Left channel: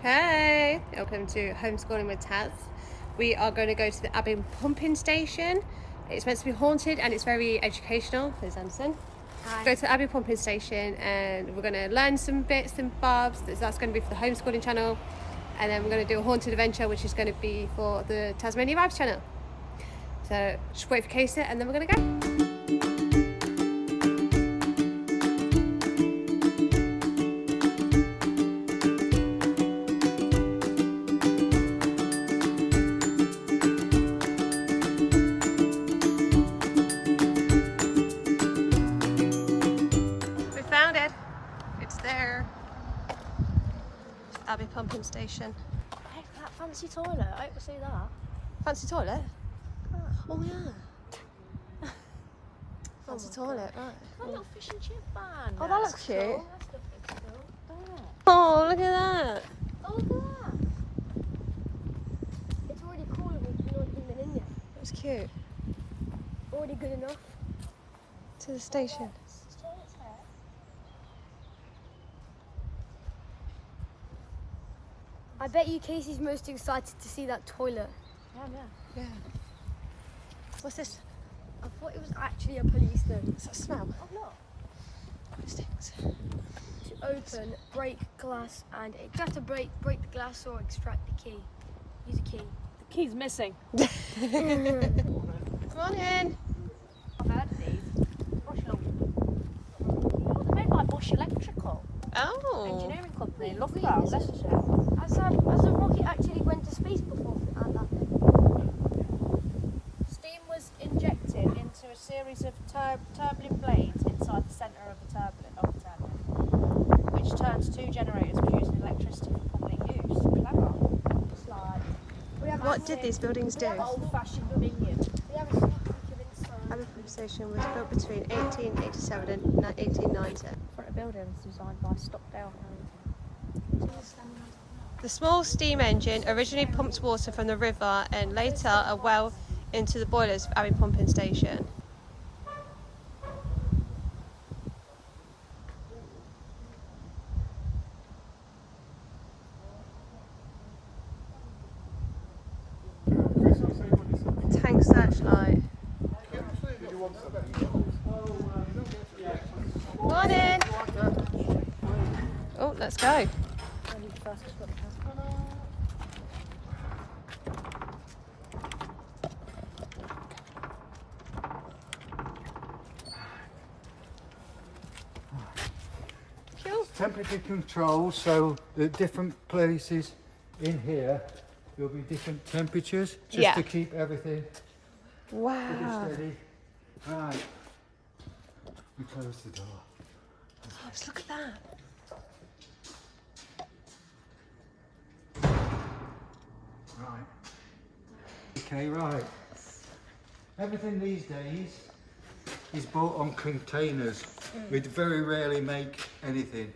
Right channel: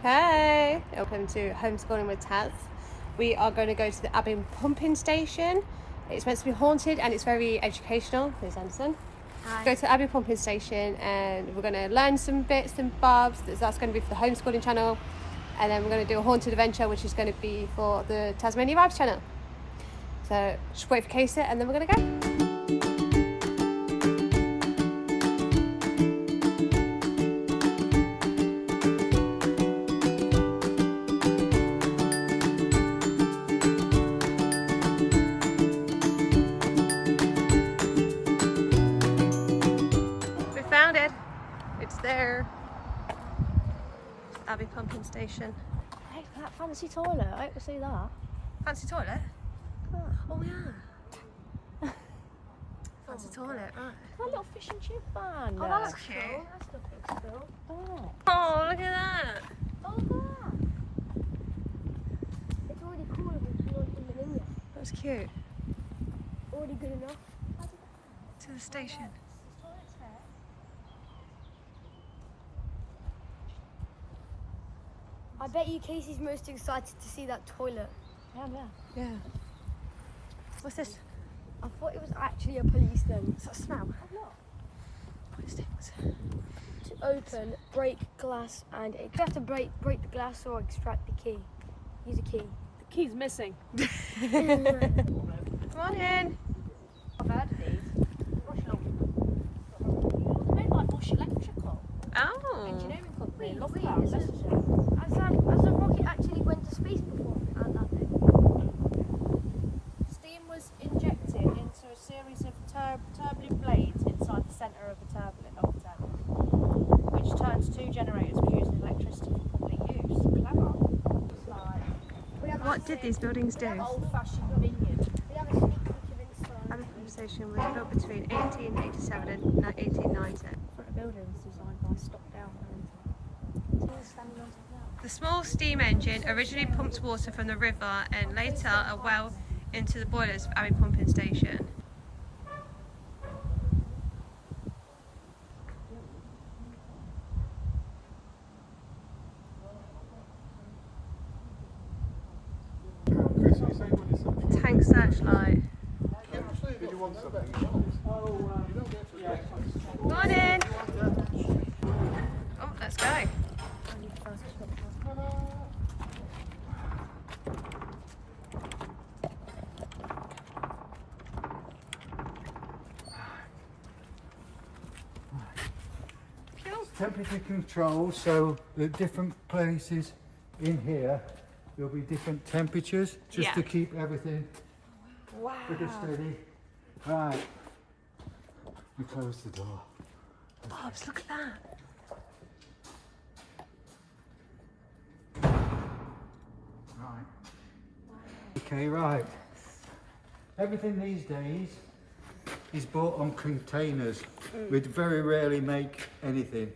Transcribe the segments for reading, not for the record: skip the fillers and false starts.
Hey, welcome to Homeschooling with Taz. We are going to go to the Abbey pumping station. It's meant to be haunted and it's very educational. There's Anderson. Hi. Go to the Abbey pumping station and we're going to learn some bits and bobs. That's going to be for the homeschooling channel. And then we're going to do a haunted adventure, which is going to be for the Tazmania Vibes channel. So just wait for Casey and then we're going to go. There. It's Abbey pumping station. Hey, that fancy toilet, I hope to see that. Fancy toilet? Oh yeah. Fancy toilet, right. Oh, little fish and chip van. Oh, that's cute. Cool. That's good still. Oh, look at that. Oh, look at that. It's already cool with no women in there. That's cute. Already good enough. To the station. I bet you Casey's most excited to see that toilet. Yeah. What's this? I thought it was actually a policeman. What's that smell? Oh, look. What stinks? To open, break glass, and you have to break the glass or extract the key. Use a key. The key's missing. Come on in. I've heard of these. Brush along. Made by Bush Electrical. Oh. Engineering company. Wait, Loughborough, wait, Leicestershire. Has a rocket actually went to space before? Steam was injected into a series of turbulent blades inside the centre of the turbine, which turns two generators producing electricity for public use. Clever. What did these buildings do? Old-fashioned convenience. Abbey pumping station was built between 1887 and 1890. Front of building was designed by Stockdale. The small steam engine originally pumped water from the river and later a well into the boilers of Abbey pumping station. Tank searchlight. Morning! Oh, let's go. Temperature control, so the different places in here there'll be different temperatures just to keep everything pretty steady. Right, we close the door. Bobs, look at that. Right. Okay, right. Everything these days is bought on containers. We very rarely make anything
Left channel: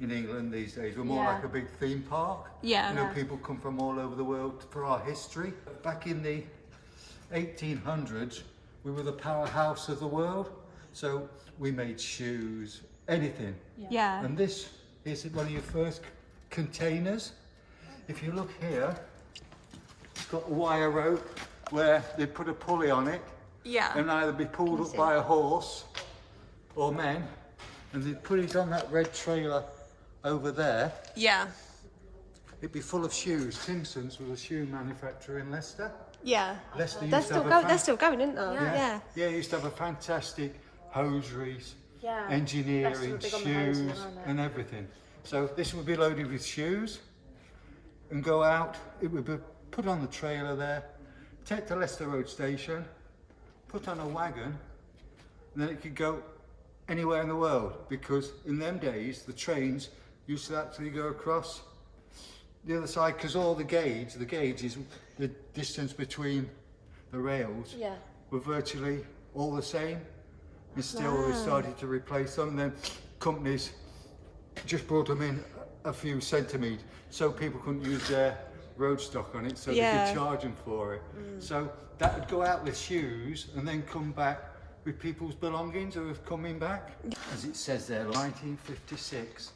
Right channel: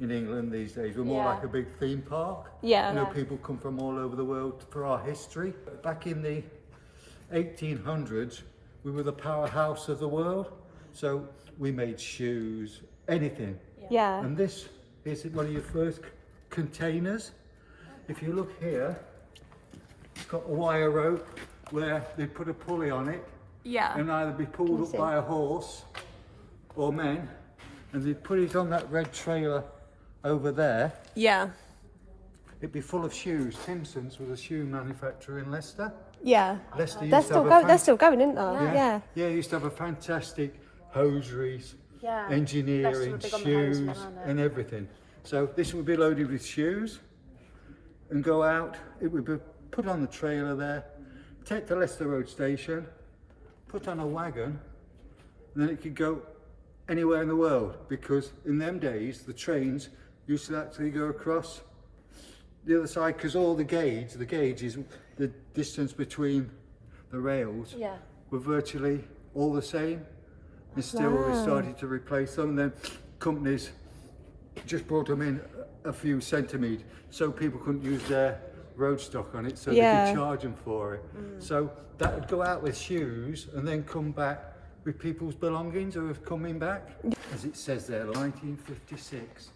in England these days. We're more like a big theme park. Yeah. You know, people come from all over the world for our history. Back in the 1800s, we were the powerhouse of the world. So we made shoes, anything. Yeah. And this is one of your first containers. If you look here, it's got a wire rope where they put a pulley on it. Yeah. And either be pulled up by a horse or men, and they'd put it on that red trailer over there. Yeah. It'd be full of shoes. Timpson's was a shoe manufacturer in Leicester. Yeah. Leicester They're used to have they're still going, aren't they? yeah, used to have a fantastic hosieries, engineering, shoes, and everything. So this would be loaded with shoes and go out. It would be put on the trailer there, take to Leicester Road Station, put on a wagon, and then it could go anywhere in the world, because in them days the trains used to actually go across the other side, because all the gauge is the distance between the rails were virtually all the same, and still they started to replace them. And then companies just brought them in a few centimetres so people couldn't use their road stock on it, so they could charge them for it. So that would go out with shoes and then come back with people's belongings who are coming back. As it says there, 1956.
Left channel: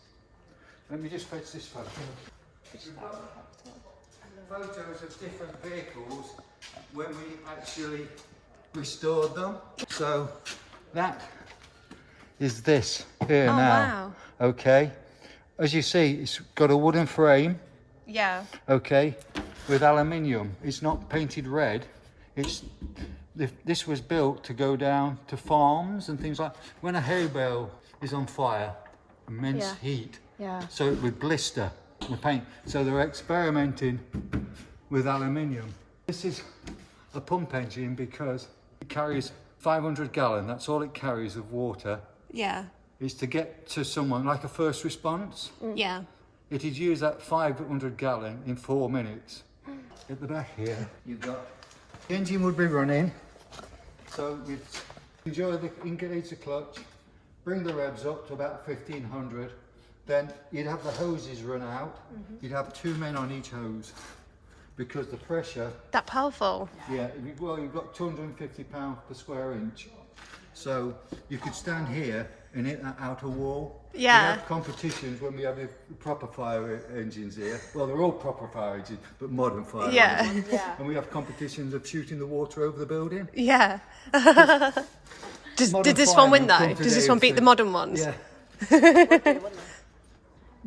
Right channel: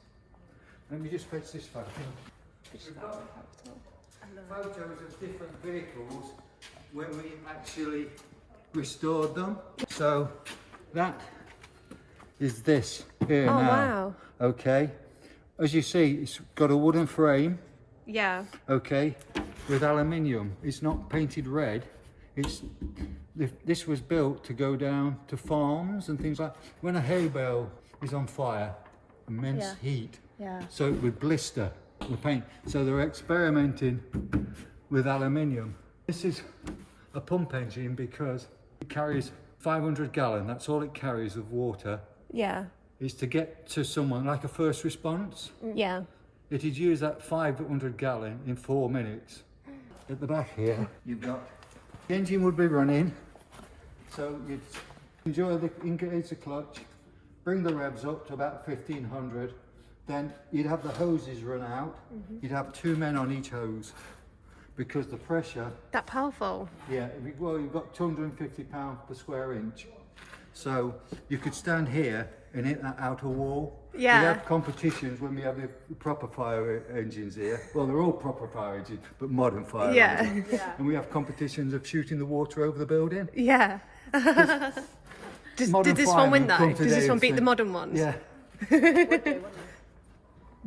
Let me just fetch this photo. Photos of different vehicles when we actually restored them. So that is this here Oh now. wow. Okay, as you see, it's got a wooden frame. Yeah. Okay, with aluminium. It's not painted red. This was built to go down to farms and things like. When a hay bale is on fire, immense heat. Yeah. So it would blister the paint. So they're experimenting with aluminium. This is a pump engine because it carries 500 gallon. That's all it carries of water. Yeah. Is to get to someone like a first response. Yeah. It is use that 500 gallon in 4 minutes. At the back here, you've got the engine would be running. So you'd engage the clutch, bring the revs up to about 1500. Then you'd have the hoses run out. You'd have 2 men on each hose because the pressure. That powerful. Yeah, well, you've got 250 pounds per square inch. So you could stand here and hit that outer wall. Yeah. We have competitions when we have the proper fire engines here. Well, they're all proper fire engines, but modern fire engines. And we have competitions of shooting the water over the building. Yeah. Did this one win though? Does this one beat the modern ones? Yeah.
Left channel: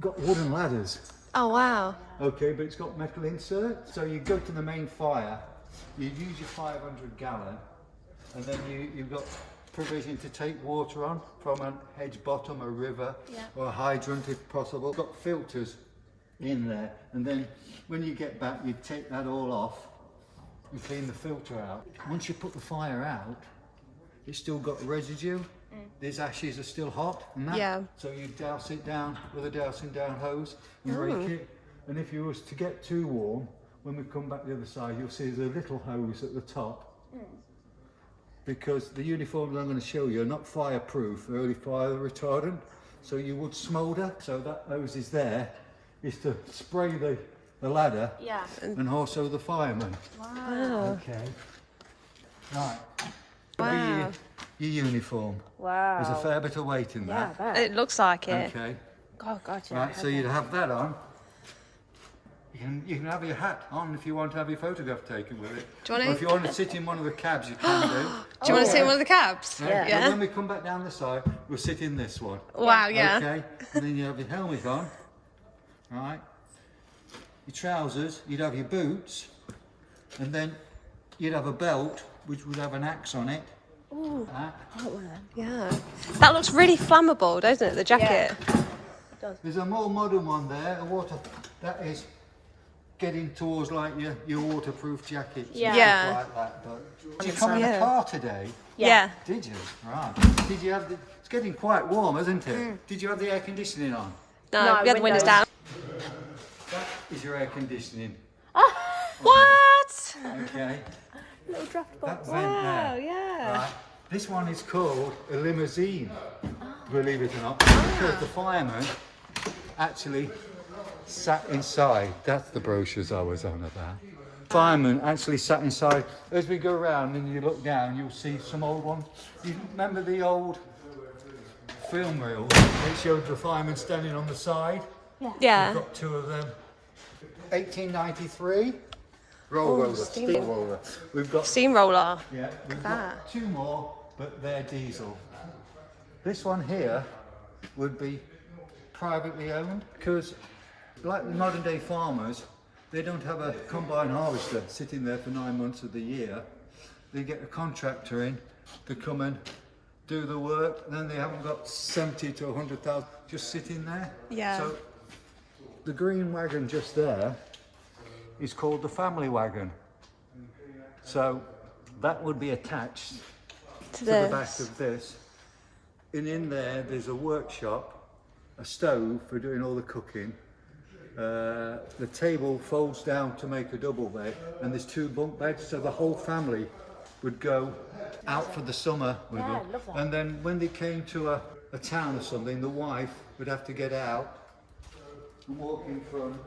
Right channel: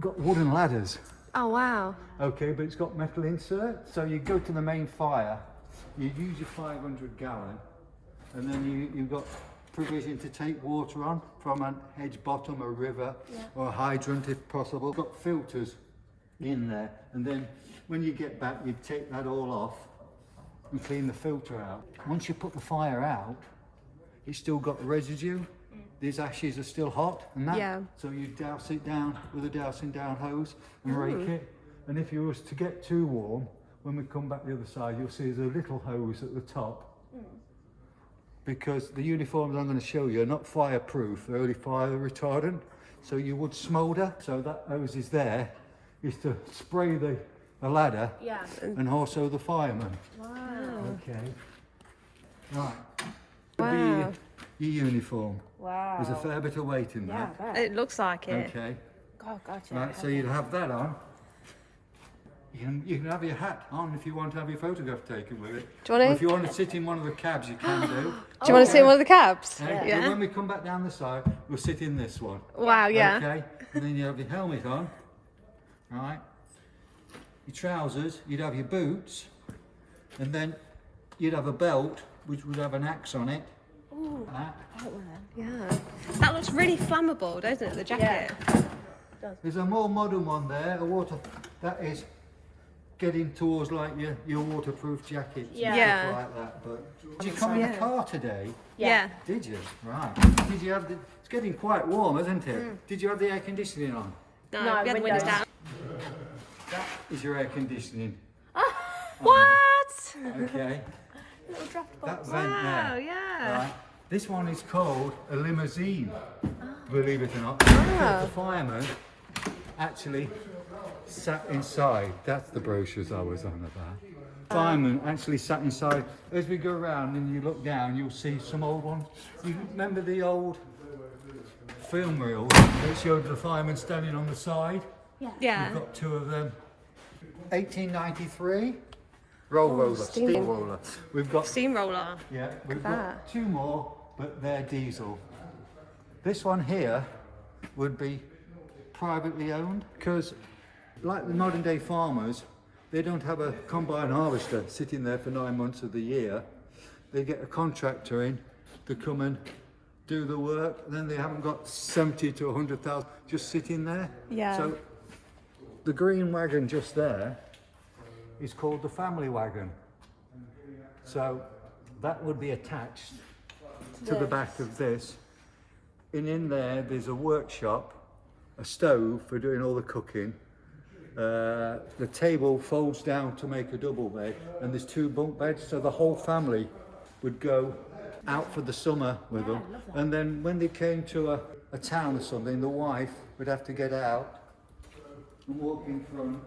Got wooden ladders. Oh wow. Okay, but it's got metal insert. So you go to the main fire, you use your 500 gallon, and then you've got provision to take water on from a hedge bottom, a river, or a hydrant if possible. Got filters in there, and then when you get back, you take that all off and clean the filter out. Once you put the fire out, it's still got residue. These ashes are still hot, and that. So you douse it down with a dousing down hose and rake it. And if you was to get too warm, when we come back the other side, you'll see there's a little hose at the top. Because the uniforms I'm going to show you are not fireproof, they're only fire retardant. So you would smoulder. So that hose is there, is to spray the ladder and also the fireman. Wow. Okay. Right. Wow. Your uniform. Wow. There's a fair bit of weight in that. It looks like it. Okay. Oh God. Right, so you'd have that on. You can have your hat on if you want to have your photograph taken with it. Do you want Or to? if you want to sit in one of the cabs, you can do. Do you want to sit in one of the cabs? Okay, Yeah. When we come back down the side, we'll sit in this one. Wow. Yeah. Okay. And then you have your helmet on. Right. Your trousers. You'd have your boots, and then you'd have a belt which would have an axe on it. Yeah. That looks really flammable, doesn't it? The jacket. There's a more modern one there. A water. That is getting towards like your waterproof jackets. And Yeah. stuff like that. But did you come in a car today? Yeah. Did you? Right. Did you have the? It's getting quite warm, isn't it? Did you have the air conditioning on? No, we had the windows down. That is your air conditioning. What? Okay. That vent Wow. there. Yeah. Right. This one is called a limousine, believe it or not, because the fireman actually sat inside. That's the brochures I was on about. Fireman actually sat inside. As we go around and you look down, you'll see some old ones. You remember the old film reel that showed the fireman standing on the side? Yeah. We've got 2 of them. 1893. Roller. steam. Steel roller. We've got Steamroller. yeah, we've that. got 2 more, but they're diesel. This one here would be privately owned because, like the modern day farmers, they don't have a combine harvester sitting there for 9 months of the year. They get a contractor in to come and do the work, and then they haven't got 70 to 100,000 just sitting there. Yeah. So the green wagon just there is called the family wagon. So that would be attached to the back of this. And in there, there's a workshop, a stove for doing all the cooking. The table folds down to make a double bed, and there's 2 bunk beds, so the whole family would go out for the summer with them. And then when they came to a town or something, the wife would have to get out and walk in front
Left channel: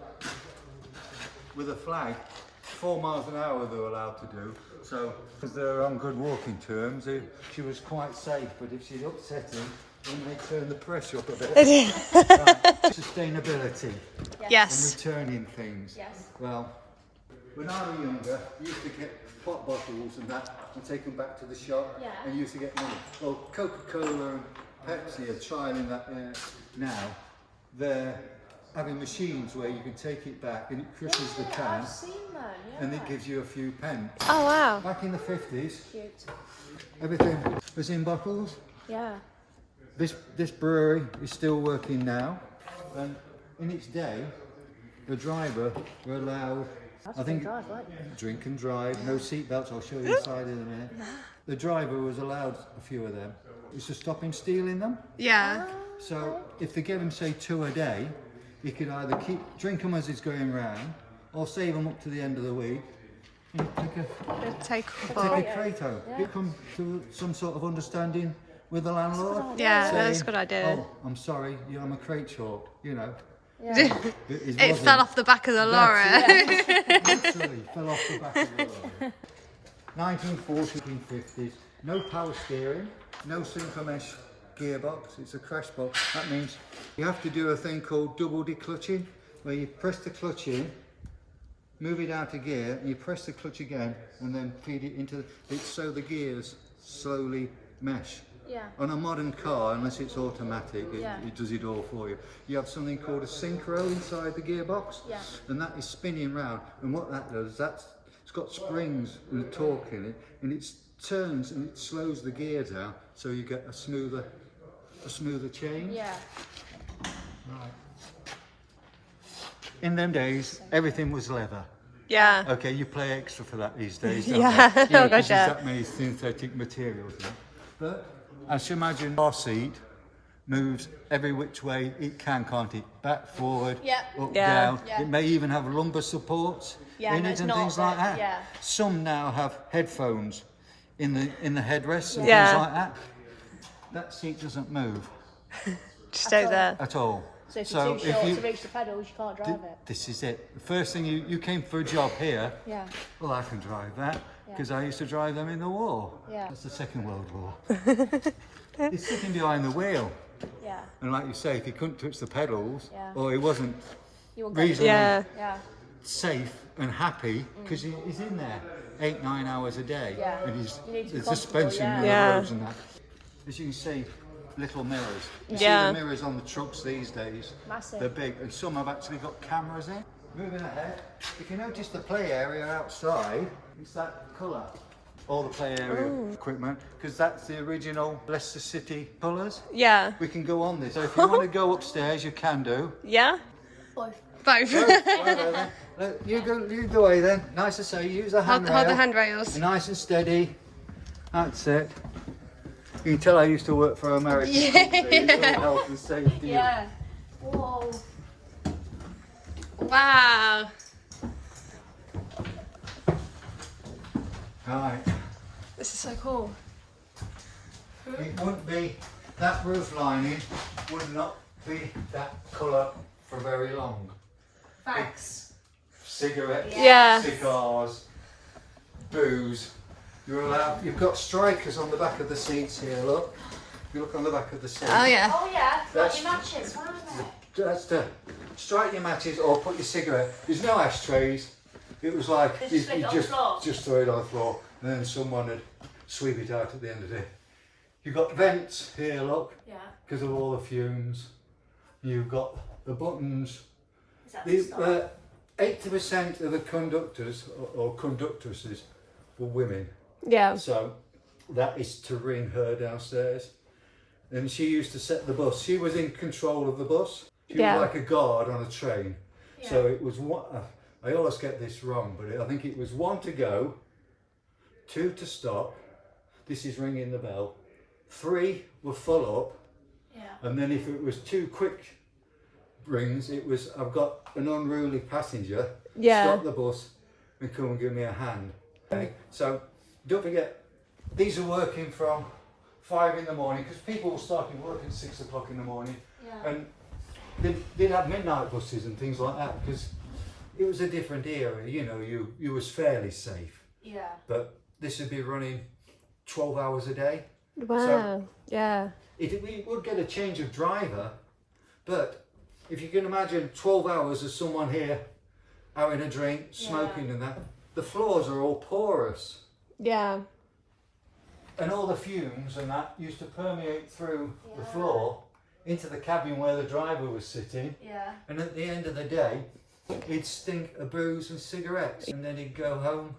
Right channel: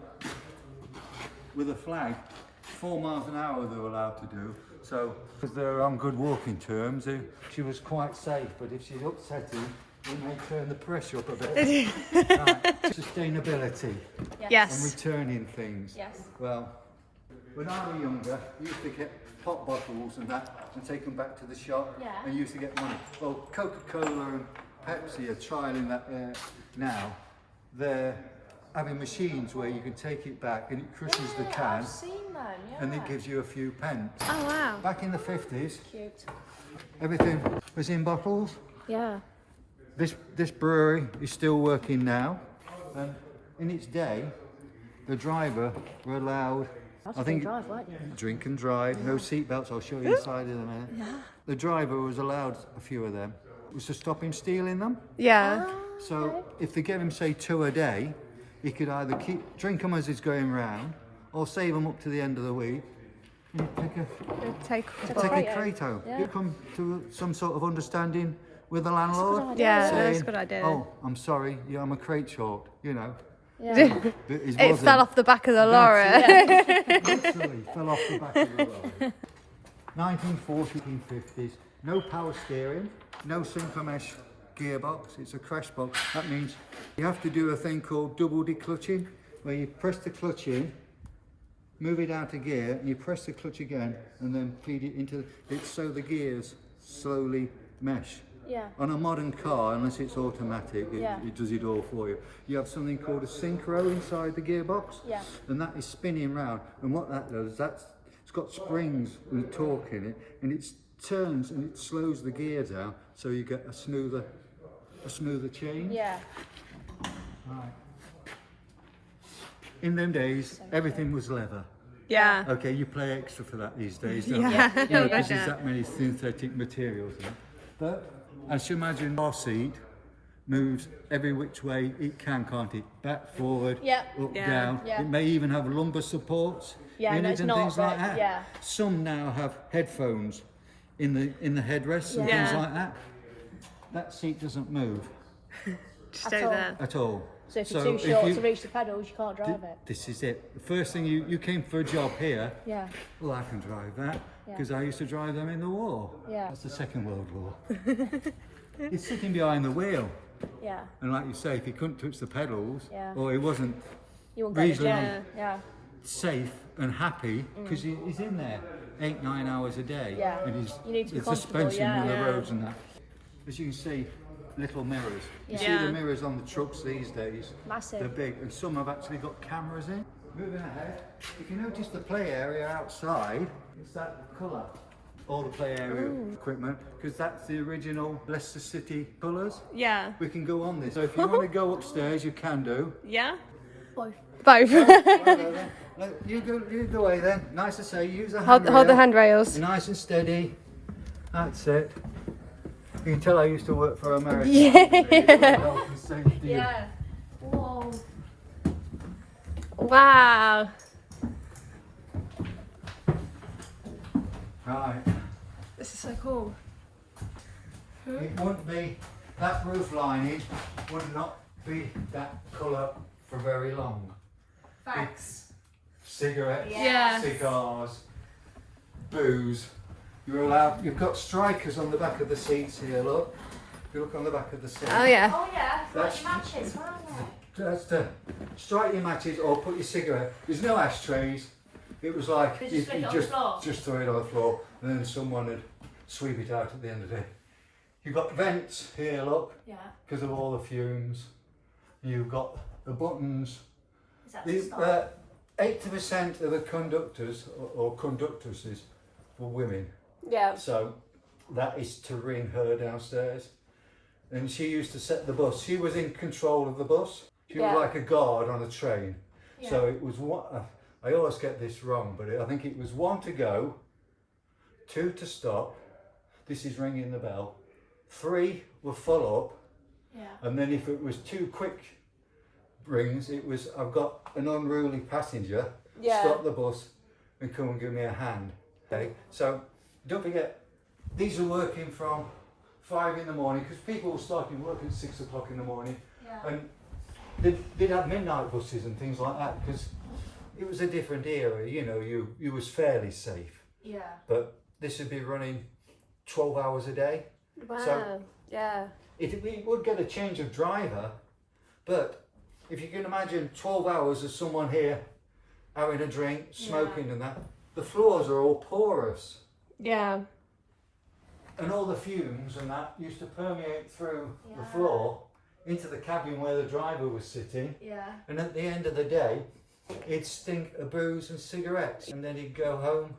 with a flag. 4 miles an hour they were allowed to do. So, because they were on good walking terms, she was quite safe. But if she'd upset him, when they turn the pressure up a bit. Right. Sustainability and Yes. returning things. Yes. Well, when I was younger, we used to get pop bottles and that and take them back to the shop and used to get money. Well, Coca-Cola and Pepsi are trialing that now. They're having machines where you can take it back and it crushes the can and it gives you a few pence. Oh wow. Back in the 50s, everything was in bottles. Yeah. This brewery is still working now, and in its day, the driver were allowed, I think, drink and drive, no seatbelts. I'll show you inside in a minute. The driver was allowed a few of them. It was to stop him stealing them. Yeah. So if they gave him say 2 a day, he could either drink them as he's going round, or save them up to the end of the week, and Take take a crate home. You come to some sort of understanding with the landlord. Yeah, saying, that's a good idea. Oh, I'm sorry, I'm a crate short, you know. It fell off the back of the lorry. Literally fell off the back of the lorry. 1940s and 50s, no power steering, no sinker mesh gearbox, it's a crash box. That means you have to do a thing called double declutching, where you press the clutch in, move it out of gear, and you press the clutch again, and then feed it into it so the gears slowly mesh. Yeah. On a modern car, unless it's automatic, it does it all for you. You have something called a synchro inside the gearbox, and that is spinning round. And what that does, it's got springs and torque in it, and it turns and it slows the gear down, so you get a smoother change. Yeah. Right. In them days, everything was leather. Yeah. Okay, you pay extra for that these days, don't Yeah. you? Oh, Because gosh, there's yeah. that many synthetic materials in it. But as you imagine, our seat moves every which way it can, can't it? Back, forward, up, Yeah. down. Yeah. It may even have lumbar supports in no, it it's and not, things like that. yeah. Some now have headphones in the headrests and Yeah. things like that. That seat doesn't move Just stay there. at all. So if you're too short to reach the pedals, you can't drive it. This is it. The first thing you came for a job here. Yeah. Well, I can drive that because I used to drive them in the war. Yeah. That's the Second World War. He's sitting behind the wheel, Yeah. and like you say, if he couldn't touch the pedals, Yeah. or he wasn't You will reasonably Yeah. Yeah. safe and happy, because he's in there 8-9 hours a day, Yeah. and he's You need to be the comfortable, suspension in Yeah. the roads and that. As you can see, little mirrors. You see Yeah. the mirrors on the trucks these days. Massive. They're big, and some have actually got cameras in. Moving ahead, if you notice the play area outside, it's that colour. All the play area equipment, because that's the original Leicester City colours. Yeah. We can go on this. So if you want to go upstairs, you can do. Yeah. Both. Both. Whatever then. Look, you go away then. Nice to say. Use the handrail. Hold the handrails. Be nice and steady. That's it. You can tell I used to work for America. Health and safety. Yeah. Whoa. Wow. Right. This is so cool. It wouldn't be, that roof lining would not be that colour for very long. Thanks. Cigarettes, Yeah. cigars, booze. You're allowed, you've got strikers on the back of the seats here, look. You look on the back of the seat. Oh yeah. Oh yeah. That's- Got your matches. Where are they? That's to strike your matches or put your cigarette. There's no ashtrays. It was like They just stick it on the floor. just throw it on the floor, and then someone would sweep it out at the end of the day. You've got vents here, look, Yeah. because of all the fumes. You've got the buttons. Is that the start? 80% of the conductors or conductresses were women. Yeah. So that is to ring her downstairs. And she used to set the bus. She was in control of the bus. She Yeah. was like a guard on a train. So it was one, I always get this wrong, but I think it was 1 to go, 2 to stop. This is ringing the bell. 3 were full up. Yeah. And then if it was 2 quick rings, it was, I've got an unruly passenger. Yeah. Stop the bus and come and give me a hand. Okay? So don't forget, these are working from 5 in the morning, because people were starting work at 6 o'clock in the morning. Yeah. And they'd have midnight buses and things like that, because it was a different era, you know, you was fairly safe. Yeah. But this would be running 12 hours a day. Wow. So- yeah. we would get a change of driver, but if you can imagine 12 hours of someone here having a drink, smoking and that, the floors are all porous. Yeah. And all the fumes and that used to permeate through the floor into the cabin where the driver was sitting. Yeah. And at the end of the day, he'd stink of booze and cigarettes, and then he'd go home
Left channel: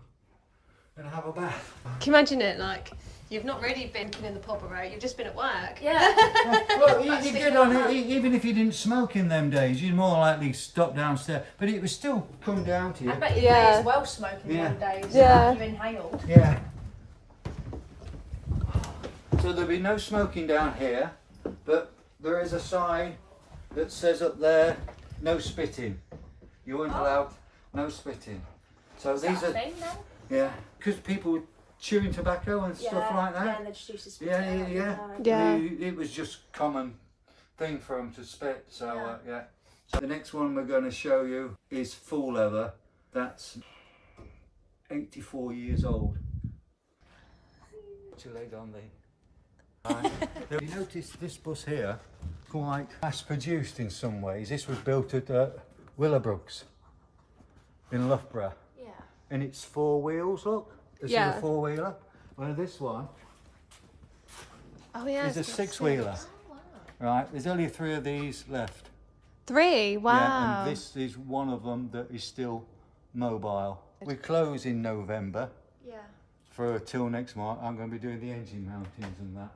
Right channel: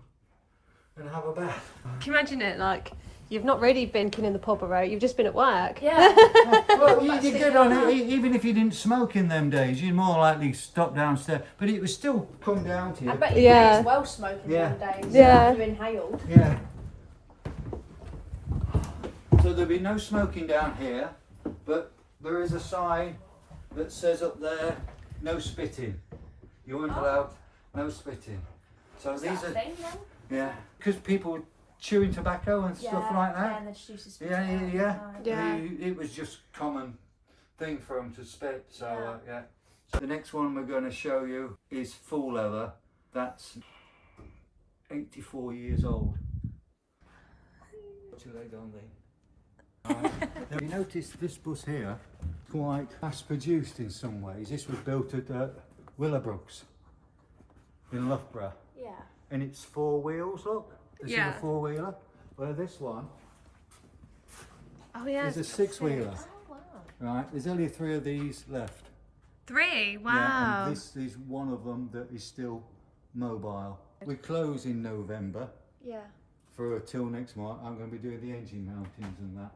and have a bath. Can you imagine it? Like, you've not really been in the pub, right? You've just been at work. Yeah. Well, you get on it, even if you didn't smoke in them days, you'd more likely stop downstairs, but it would still come down to you. I bet you Yeah. as well smoking Yeah. them days. Yeah. You inhaled. Yeah. So there'll be no smoking down here, but there is a sign that says up there, no spitting. You weren't allowed no spitting. So these are, Thing, then? yeah, because people were chewing tobacco and stuff like Yeah, that. and they just used to spit Yeah, it out yeah, all the time. Yeah. It was just common thing for them to spit. So yeah. So the next one we're going to show you is full leather. That's 84 years old. Put your leg on the. Right. Now, you notice this bus here, quite mass produced in some ways. This was built at Willowbrooks in Loughborough. Yeah. And it's 4 wheels, look. This Yeah. is a 4-wheeler. Where this one Oh yeah. is a it's got 6-wheeler. Right, there's only 3 of these left. 3. Wow. Yeah, and this is one of them that is still mobile. We close in November Yeah. for till next month. I'm going to be doing the engine mountings and that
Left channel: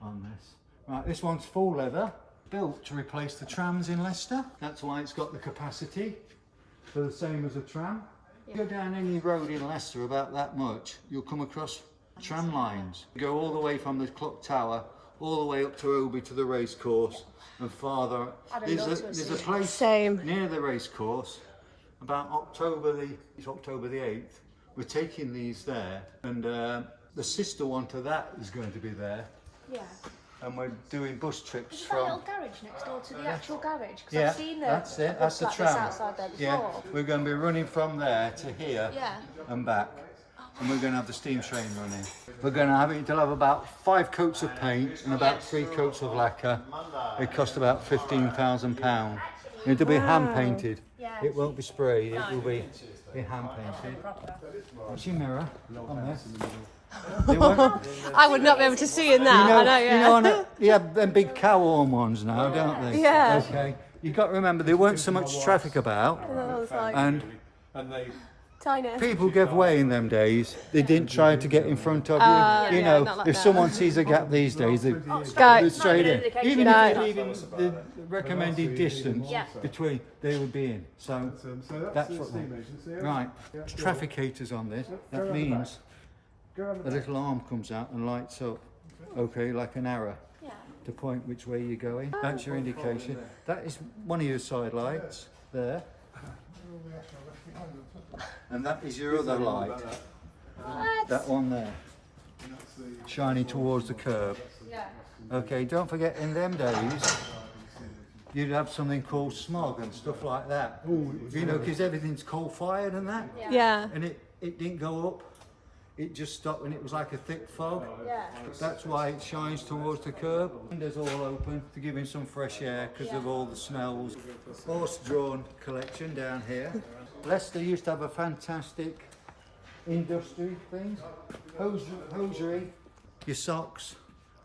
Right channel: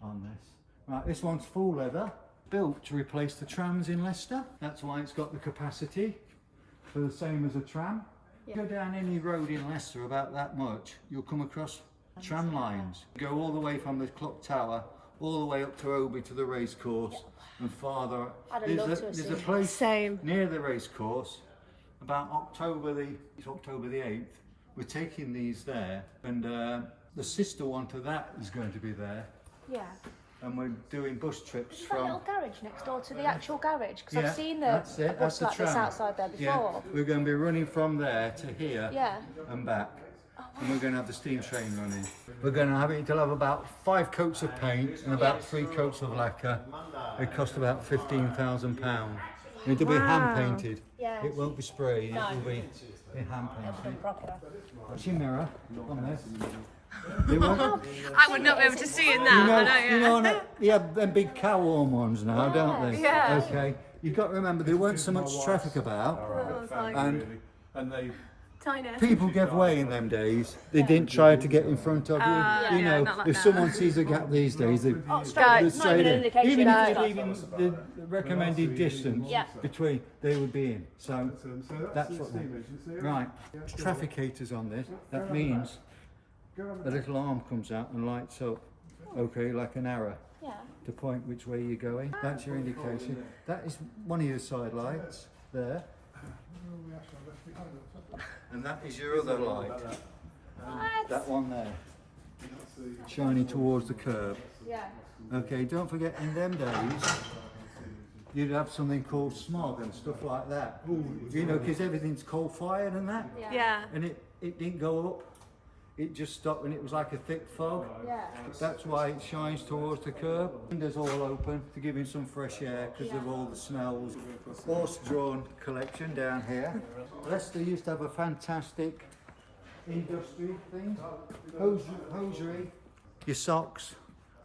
on this. Right, this one's full leather, built to replace the trams in Leicester. That's why it's got the capacity for the same as a tram. You go down any road in Leicester about that much, you'll come across tram lines. You go all the way from the clock tower, all the way up to Abbey to the race course, and farther. There's a place Same. near the race course. About October the 8th, we're taking these there, and the sister one to that is going to be there, Yeah. and we're doing bus trips Is that little from. garage next door to the actual garage? 'Cause Yeah, I've seen the that's it. That's the like this tram. outside there Yeah, before. we're going to be running from there to here Yeah. and back, and we're going to have the steam train running. We're going to have it. It'll have about 5 coats of paint and about 3 coats of lacquer. It cost about £15,000. It'll be hand painted. Yeah. It won't be sprayed. It will be hand painted. What's your mirror on this? They won't. I would not be able to see in that. I know, yeah. You know, you have them big cow horn ones now, don't they? Yeah. Okay. You've got to remember there weren't so much traffic about, and Tiny. people gave way in them days. They didn't try to get in front of you. You yeah, know, not like if that. someone sees a gap these days, they go straight in. Even if you're leaving the recommended distance between, they would be in. So that's what they. Right. Trafficators on this. That means a little arm comes out and lights up. Okay, like an arrow. Yeah. To point which way you're going. That's your indication. That is one of your side lights there. And that is your other light. That one there. Shining towards the curb. Yeah. Okay, don't forget in them days, you'd have something called smog and stuff like that. You know, because everything's coal-fired and that. Yeah. And it didn't go up. It just stopped and it was like a thick fog. Yeah. That's why it shines towards the curb. Windows all open to give him some fresh air because of all the smells. Horse-drawn collection down here. Leicester used to have a fantastic industry thing. Hosiery. Your socks.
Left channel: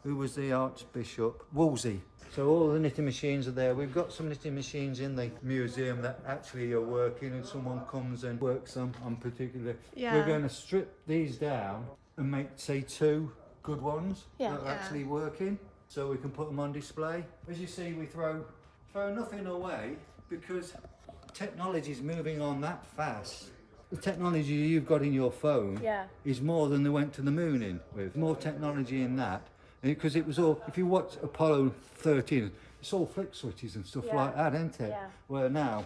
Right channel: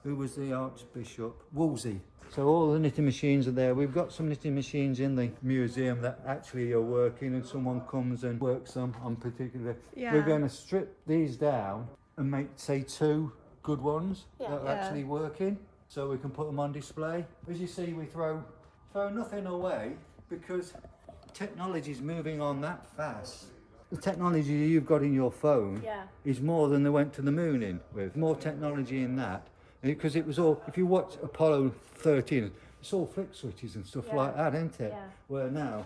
Who was the Archbishop? Wolsey. So all the knitting machines are there. We've got some knitting machines in the museum that actually are working, and someone comes and works them on particular. Yeah. We're going to strip these down and make, say, 2 good ones that are Yeah. actually working, so we can put them on display. As you see, we throw nothing away because technology is moving on that fast. The technology you've got in your phone Yeah. is more than they went to the moon in with. More technology in that. Because it was all, if you watch Apollo 13, it's all flick switches and stuff like that, isn't it? Yeah. Where now,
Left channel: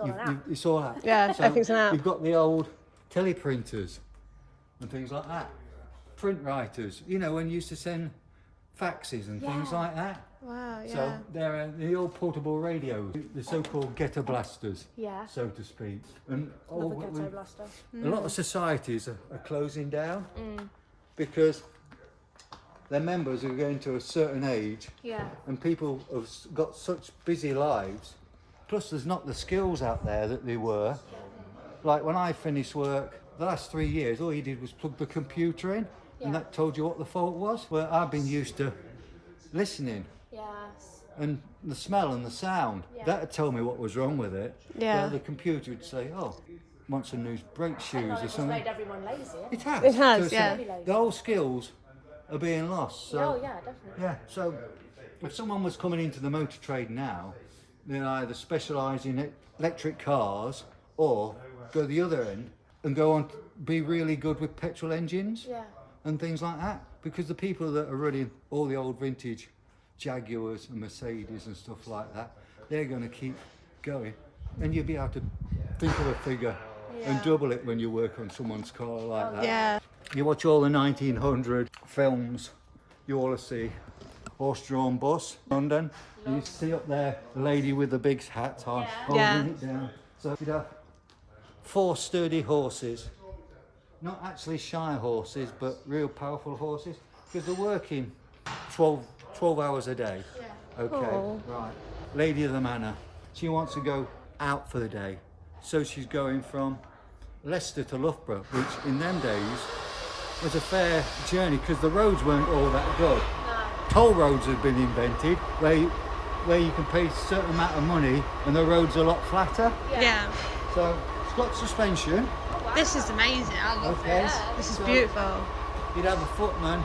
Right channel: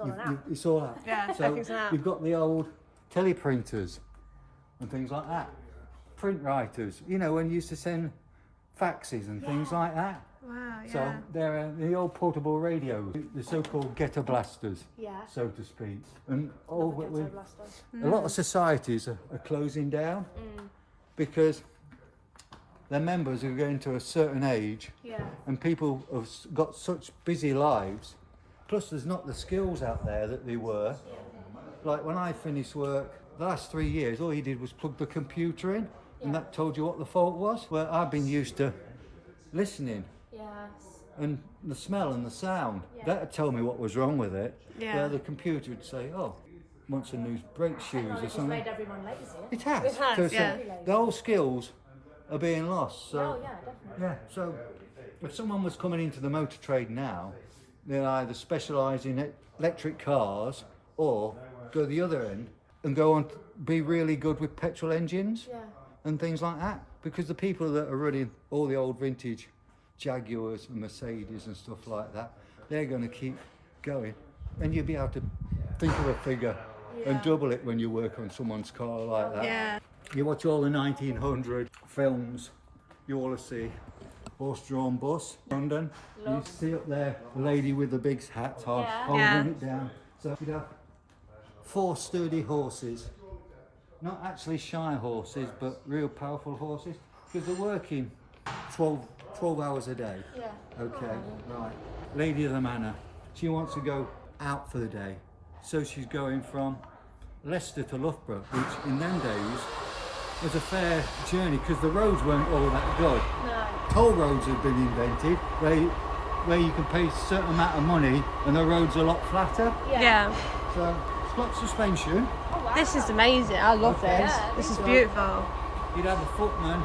all an app. it's all that. Yeah, everything's an app. You've got the old teleprinters and things like that. Print writers, you know, when you used to send faxes and things like that. Wow, yeah. So they're the old portable radios, the so-called ghetto blasters, Yeah. so to speak. And all, Ghetto we, blaster. a lot of societies are closing down because they're members who are getting to a certain age, and people have got such busy lives. Plus, there's not the skills out there that they were. Like when I finished work, the last 3 years, all you did was plug the computer in, and that told you what the fault was. Well, I've been used to listening. And the smell and the sound, that would tell me what was wrong with it. Yeah. The computer would say, oh, wants some new brake shoes or something. Made everyone lazy. It has. It has, So yeah. the old skills are being lost. So, Oh yeah, definitely. yeah, so if someone was coming into the motor trade now, they'd either specialise in electric cars or go the other end and go on to be really good with petrol engines and things like that. Because the people that are running all the old vintage Jaguars and Mercedes and stuff like that, they're going to keep going, and you'll be able to think of a figure and double it when you work on someone's car like that. Yeah. You watch all the 1900 films, you all see horse-drawn bus, London. You see up there the lady with the big hat on, holding Yeah. it down. So you'd have 4 sturdy horses, not actually shy horses, but real powerful horses, because they're working 12 hours a day. Okay, right. Lady of the manor, she wants to go out for the day. So she's going from Leicester to Loughborough, which in them days was a fair journey because the roads weren't all that good. Toll roads had been invented where you can pay a certain amount of money and the road's a lot flatter. Yeah. So it's got suspension. This is amazing. I love Okay. this. This is So- beautiful. You'd have a footman.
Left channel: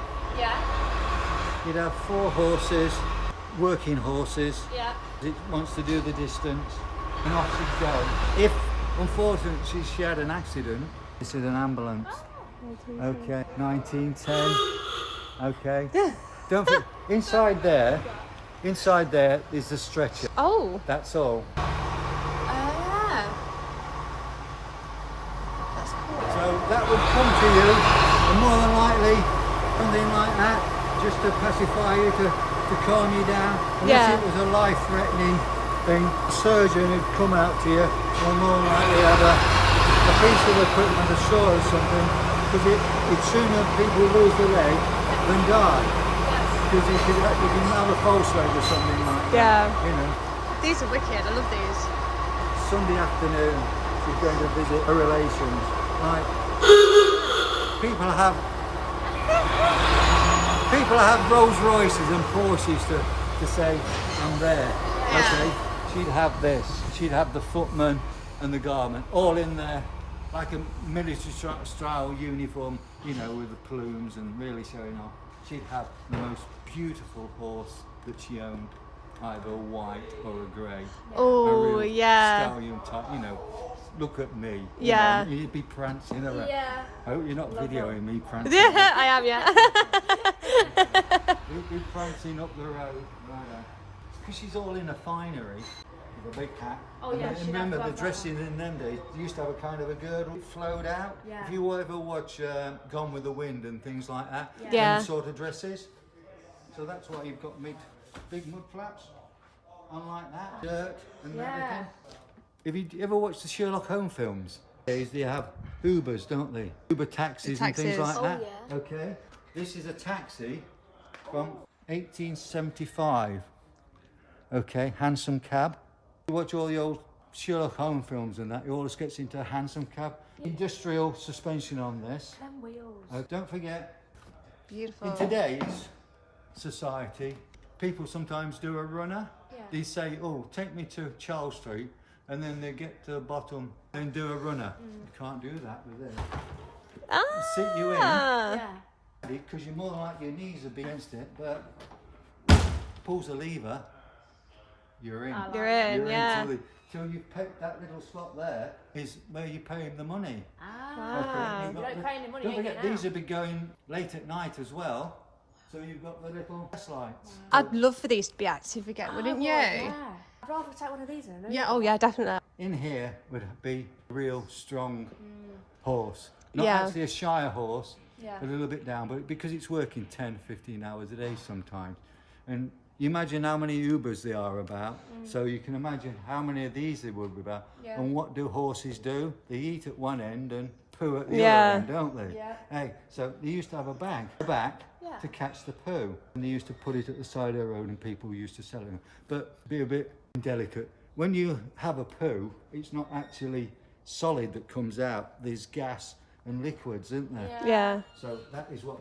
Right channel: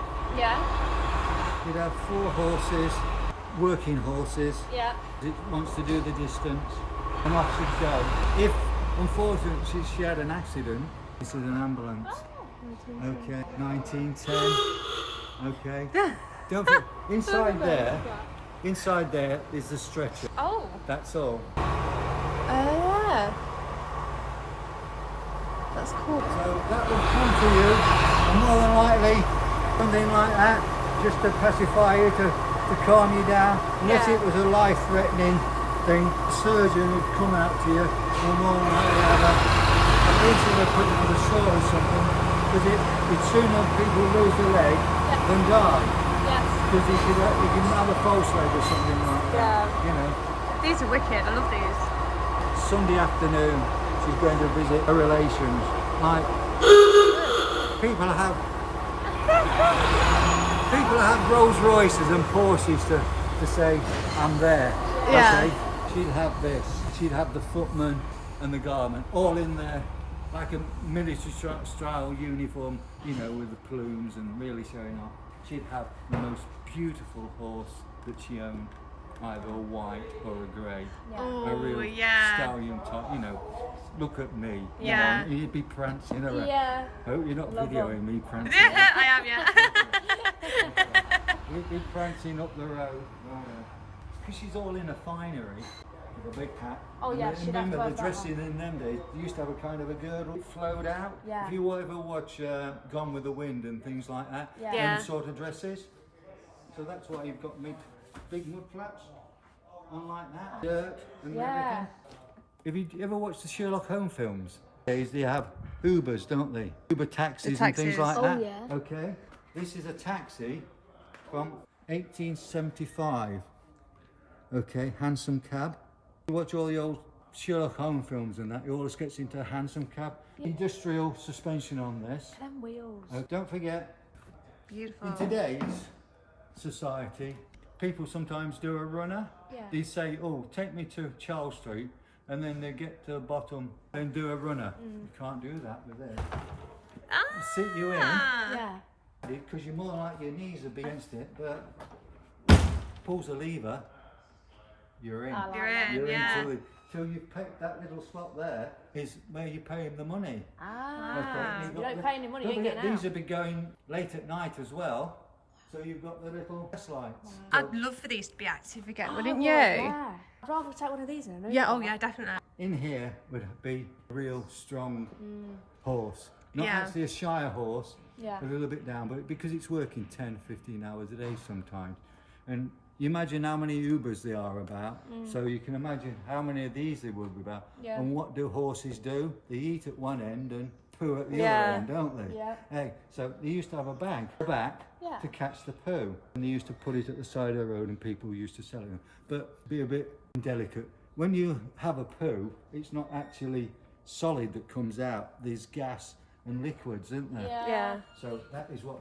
You'd have 4 horses, working horses. It wants to do the distance, and off she'd go. If, unfortunately, she had an accident, this is an ambulance. Okay, 1910. Okay. Don't forget, inside there is the stretcher. Oh. That's all. Yeah. That's cool. So that would come to you, and more than likely, something like that, just to pacify you, to calm you down. Unless Yeah. it was a life-threatening thing, a surgeon would come out to you, or more than likely have a piece of equipment, a saw or something, because it's sooner people lose their leg than die. Because you can have a false leg or something like that. Yeah. You know. These are wicked. I love these. Sunday afternoon, she's going to visit her relations. Like, people have Rolls Royces and Porsches to say, I'm there. Yeah. Okay? She'd have this. She'd have the footman and the garment all in there, like a military style uniform, you know, with the plumes and really showing off. She'd have the most beautiful horse that she owned, either a white or a grey. A Oh, real yeah. stallion type, you know. Look at me. You Yeah. know, you'd be prancing around. I hope you're not videoing me prancing. Yeah, I am, yeah. You'd be prancing up the road. Because she's all in a finery with a big hat. Oh, And yeah, then she'd have remember to the have that dressing in them days, you used to have a kind of a girdle that flowed out. Yeah. If you ever watch Gone with the Wind and things like that, Yeah. them sort of dresses. So that's why you've got big mud flaps on like that, dirt and everything. Have you ever watched the Sherlock Holmes films? They have Ubers, don't they? Uber taxis and things taxis. like that. yeah. Okay. This is a taxi from 1875. Okay, hansom cab. You watch all the old Sherlock Holmes films and that, he always gets into a hansom cab. Industrial suspension on this. Them wheels. Don't forget, Beautiful. in today's society, people sometimes do a runner. They say, oh, take me to Charles Street, and then they get to the bottom and do a runner. You can't do that with this. Sit you in, Ah. because you're more like your knees would be against it, but pulls the lever, you're in. You're in, You're yeah. in till you pay that little slot there is where you pay him the money. Ah. Okay, you've got You're not paying the money, don't you're forget, getting these would be going late at night as well. So you've got the little gas lights. I'd love for these to be active again, wouldn't you? Yeah. I'd rather take one of these than Yeah, oh yeah, definitely. In here would be a real strong horse. Not Yeah. actually a shire horse, Yeah. a little bit down, but because it's working 10, 15 hours a day sometimes. And you imagine how many Ubers there are about, so you can imagine how many of these there would be about. Yeah. And what do horses do? They eat at one end and poo at the Yeah. other end, don't they? Yeah. Hey, so they used to have a bag at the back, Yeah. to catch the poo. And they used to put it at the side of the road and people used to sell it. But be a bit delicate. When you have a poo, it's not actually solid that comes out. There's gas and liquids, isn't there? Yeah. So that is what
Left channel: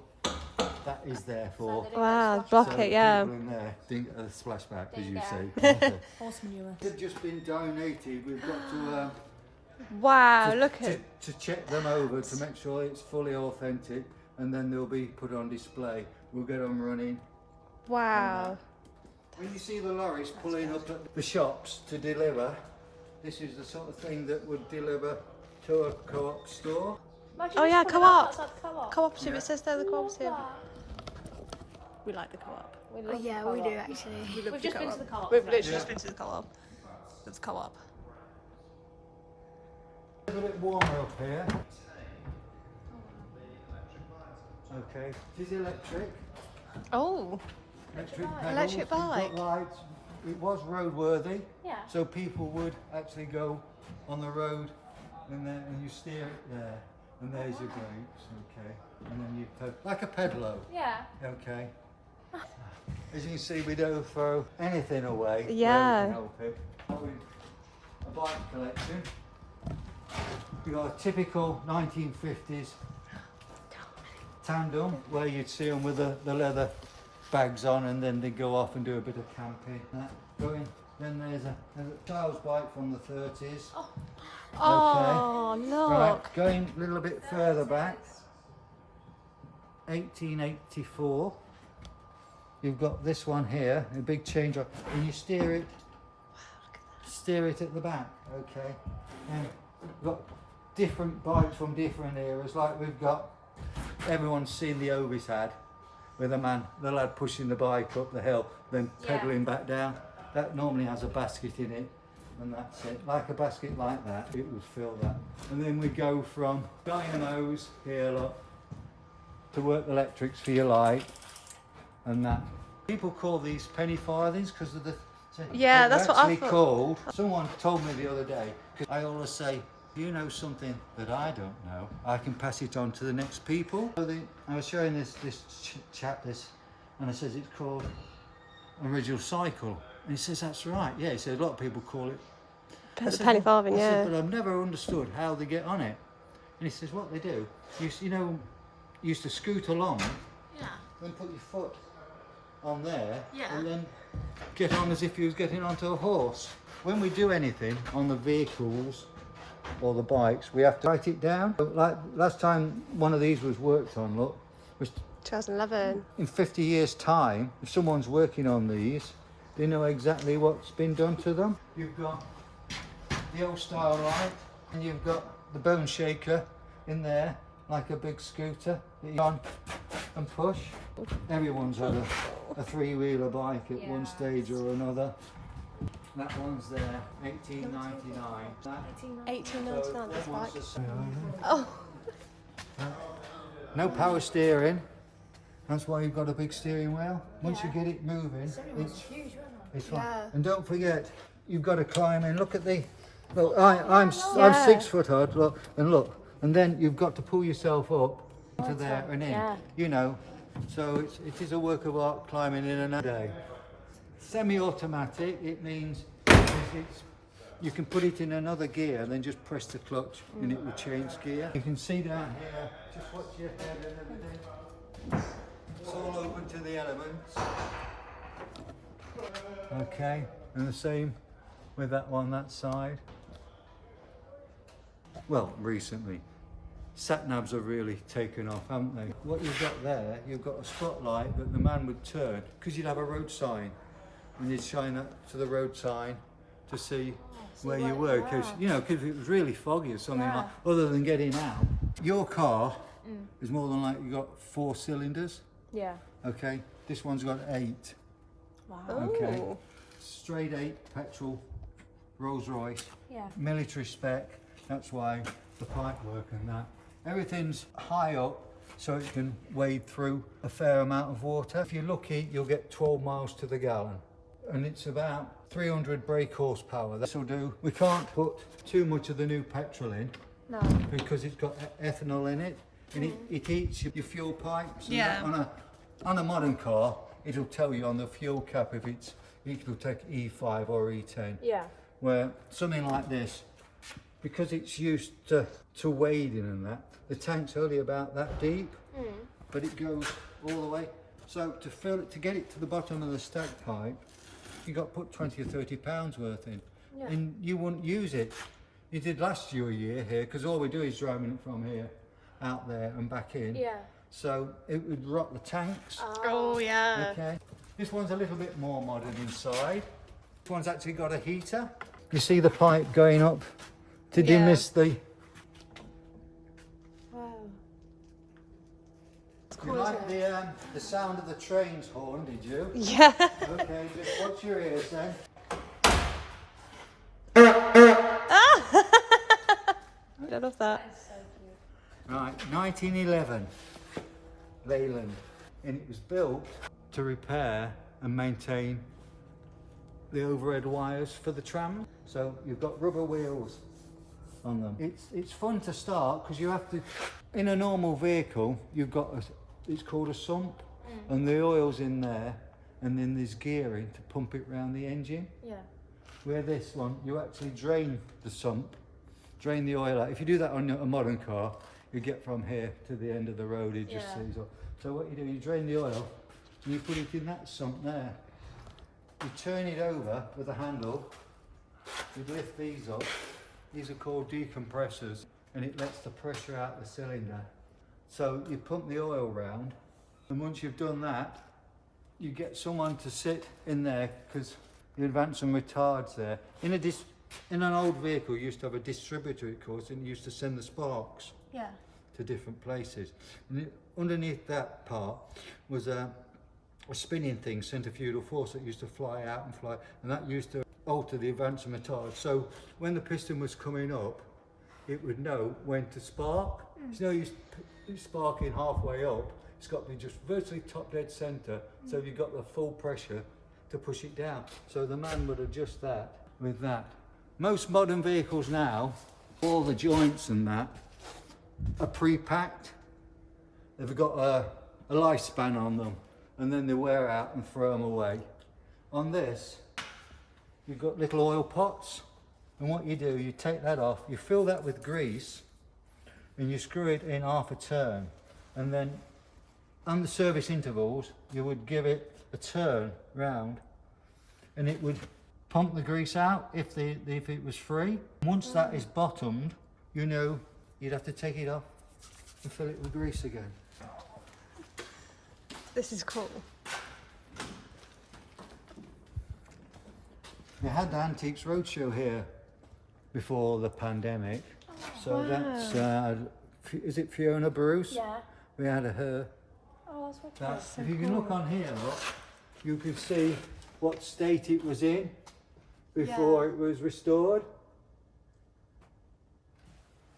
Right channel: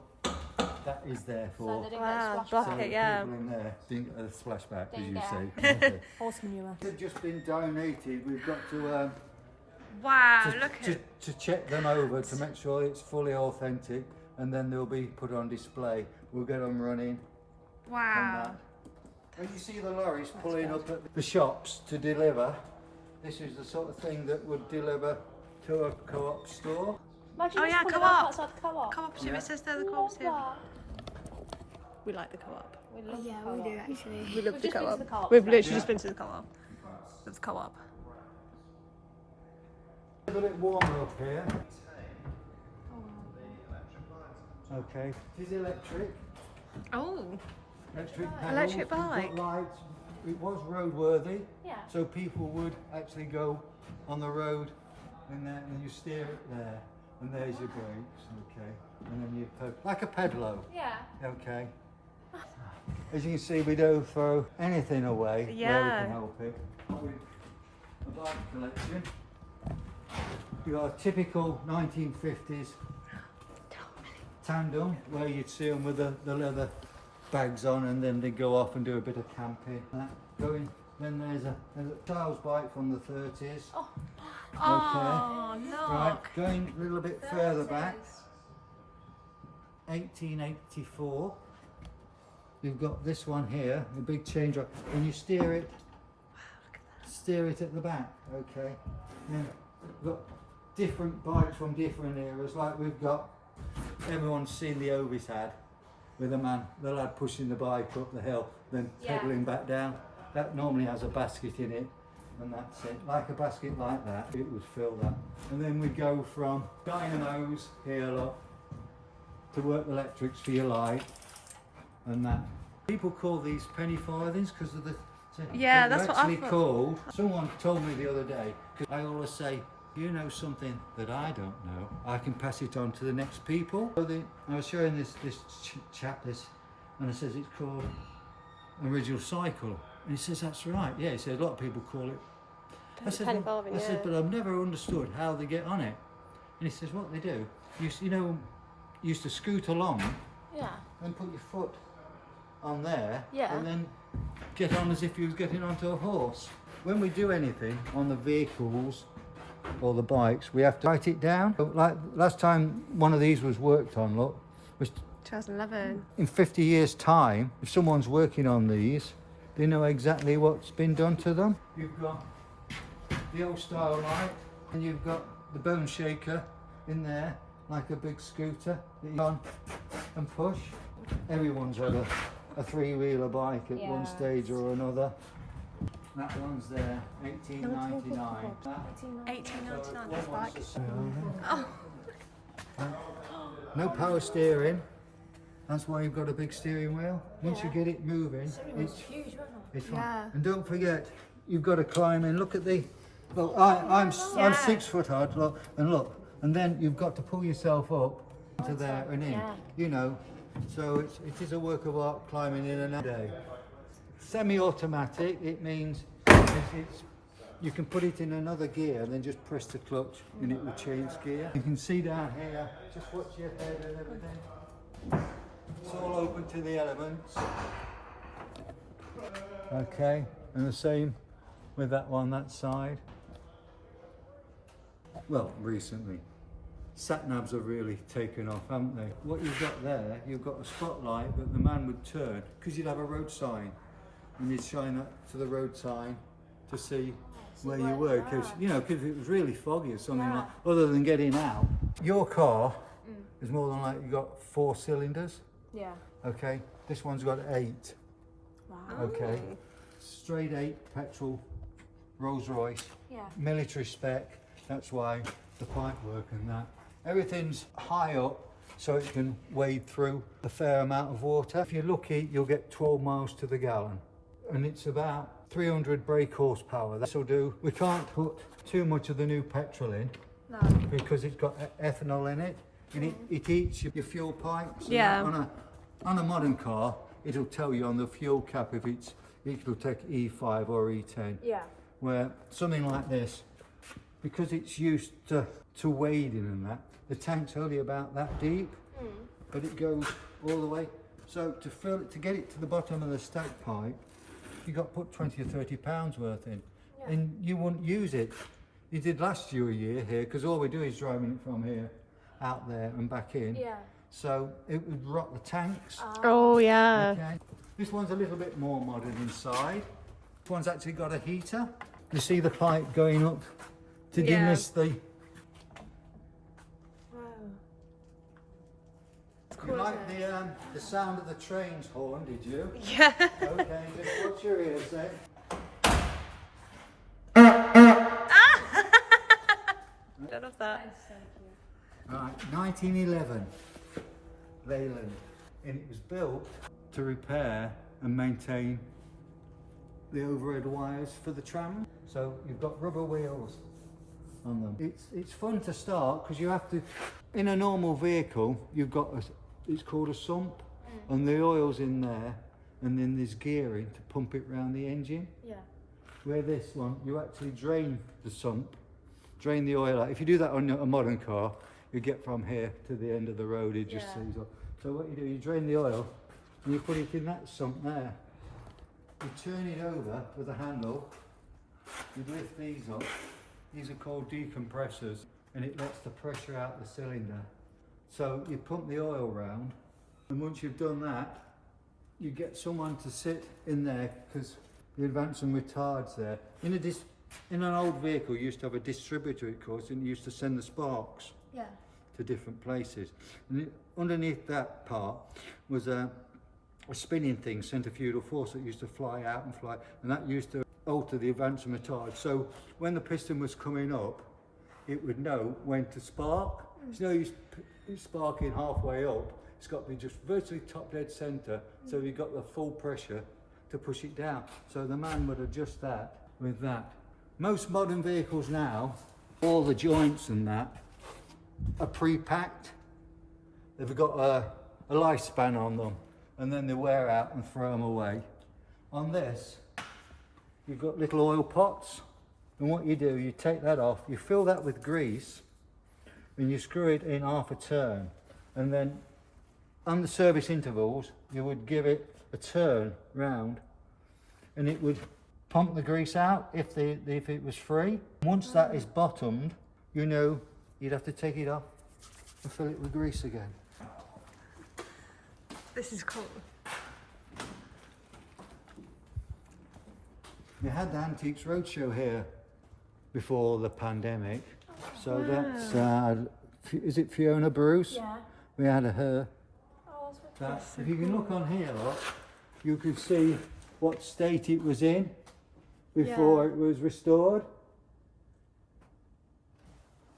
that is there for. Wow, block So it, yeah. people in there think a splashback, as you say. Okay. Horse manure. They've just been donated. We've got to Wow, look at to check them over to make sure it's fully authentic, and then they'll be put on display. We'll get them running. wow. When you see the lorries pulling up at the shops to deliver, this is the sort of thing that would deliver to a co-op store. Oh yeah, co-op. Cooperative, it says there the cooperative. We like the co-op. Oh, yeah, we do actually. We love We've the just been to co-op. the co-op. We've today. literally just been to the co-op. Love the co-op. A little bit warmer up here. Okay, this is electric. Oh, Electric pedals. Electric We've got bike. lights. It was roadworthy, Yeah. so people would actually go on the road, and then you steer it there, and there's your brakes, okay, and then you like a pedalo, Yeah. okay. As you can see, we don't throw anything away. Yeah. Where we can help it. A bike collection. We got a typical 1950s tandem where you'd see them with the leather bags on, and then they go off and do a bit of camping. Then there's a child's bike from the 30s. oh no. Right, going a little bit further back, 1884. You've got this one here, a big change, and you steer it. Steer it at the back, okay. And we've got different bikes from different eras. Like we've got, everyone's seen the Ovis ad with the lad pushing the bike up the hill, then pedalling back down. That normally has a basket in it, and that's it. Like a basket like that, it would fill that. And then we go from dynamos here, look, to work electrics for your light, and that. People call these penny farthings because of the. Yeah, they're that's what I actually thought. called. Someone told me the other day, because I always say, you know something that I don't know, I can pass it on to the next people. So I was showing this chap this, and I says it's called original cycle, and he says that's right. Yeah, he said a lot of people call it. I said, Penny farthing, I yeah. said, but I've never understood how they get on it. And he says what they do, you know, used to scoot along, Yeah. then put your foot on there, Yeah. and then get on as if you was getting onto a horse. When we do anything on the vehicles or the bikes, we have to write it down. Like last time one of these was worked on, look, was 2011. in 50 years time, if someone's working on these, they know exactly what's been done to them. You've got the old style light, and you've got the bone shaker in there, like a big scooter that you on and push. Everyone's had a three-wheeler bike at one stage or another. That one's there, 1899. 1899, that's like. Oh. No power steering. That's why you've got a big steering wheel. Once you get it moving, it's fine. Yeah. And don't forget, you've got to climb in. Look at the. Well, I'm Yeah. 6 foot high. Look, and then you've got to pull yourself up to there and in. Yeah. You know, so it is a work of art climbing in another day. Semi-automatic. It means it's you can put it in another gear and then just press the clutch and it will change gear. You can see down here. Just watch your head and everything. It's all open to the elements. Okay, and the same with that one, that side. Well, recently, sat-navs have really taken off, haven't they? What you've got there, you've got a spotlight that the man would turn, because you'd have a road sign, and you'd shine that to the road sign to see where you were, because if it was really foggy or something like, other than getting out. Your car is more than likely got 4 cylinders. Yeah. Okay, this one's got 8. Okay, straight 8 petrol Rolls Royce, military spec. That's why the pipe work and that. Everything's high up so it can wade through a fair amount of water. If you're lucky, you'll get 12 miles to the gallon. And it's about 300 brake horsepower. This will do. We can't put too much of the new petrol in because it's got ethanol in it, and it eats your fuel pipes. And Yeah. on on a modern car, it'll tell you on the fuel cap if it'll take E5 or E10. Yeah. Where something like this, because it's used to wading and that, the tank's only about that deep, but it goes all the way. So to fill it, to get it to the bottom of the stack pipe, you got to put 20 or 30 pounds worth in, and you wouldn't use it. You did last year here, because all we do is driving it from here out there and back in. Yeah. So it would rot the tanks. Oh yeah. Okay. This one's a little bit more modern inside. This one's actually got a heater. You see the pipe going up to demist the. Wow. You like the sound of the train's horn, did you? Yeah. Okay, just watch your ears then. I love that. Right, 1911, Leyland. And it was built to repair and maintain the overhead wires for the tram. So you've got rubber wheels on them. It's fun to start because you have to, in a normal vehicle, you've got it's called a sump, and the oil's in there, and then there's gearing to pump it round the engine. Yeah. Where this one, you actually drain the sump, drain the oil out. If you do that on a modern car, you get from here to the end of the road, it just sees up. So what you do, you drain the oil and you put it in that sump there. You turn it over with a handle, you lift these up. These are called decompressors, and it lets the pressure out the cylinder. So you pump the oil round, and once you've done that, you get someone to sit in there, because you advance some retards there. In an old vehicle, you used to have a distributor, of course, and you used to send the sparks to different places. And underneath that part was a spinning thing, centrifugal force, that used to fly out and fly, and that used to alter the advance and retard. So when the piston was coming up, it would know when to spark. It's no use sparking halfway up. It's got to be just virtually top dead centre, so you've got the full pressure to push it down. So the man would adjust that with that. Most modern vehicles now, all the joints and that are pre-packed. They've got a lifespan on them, and then they wear out and throw them away. On this, you've got little oil pots, and what you do, you take that off, you fill that with grease, and you screw it in half a turn, and then on the service intervals, you would give it a turn round, and it would pump the grease out if it was free. Once that is bottomed, you know you'd have to take it off and fill it with grease again. This is cool. We had the Antiques Roadshow here before the pandemic, so that's is it Fiona Bruce? Yeah. We had her. Oh, That, if you can look on here, look, you can see what state it was in before it was restored.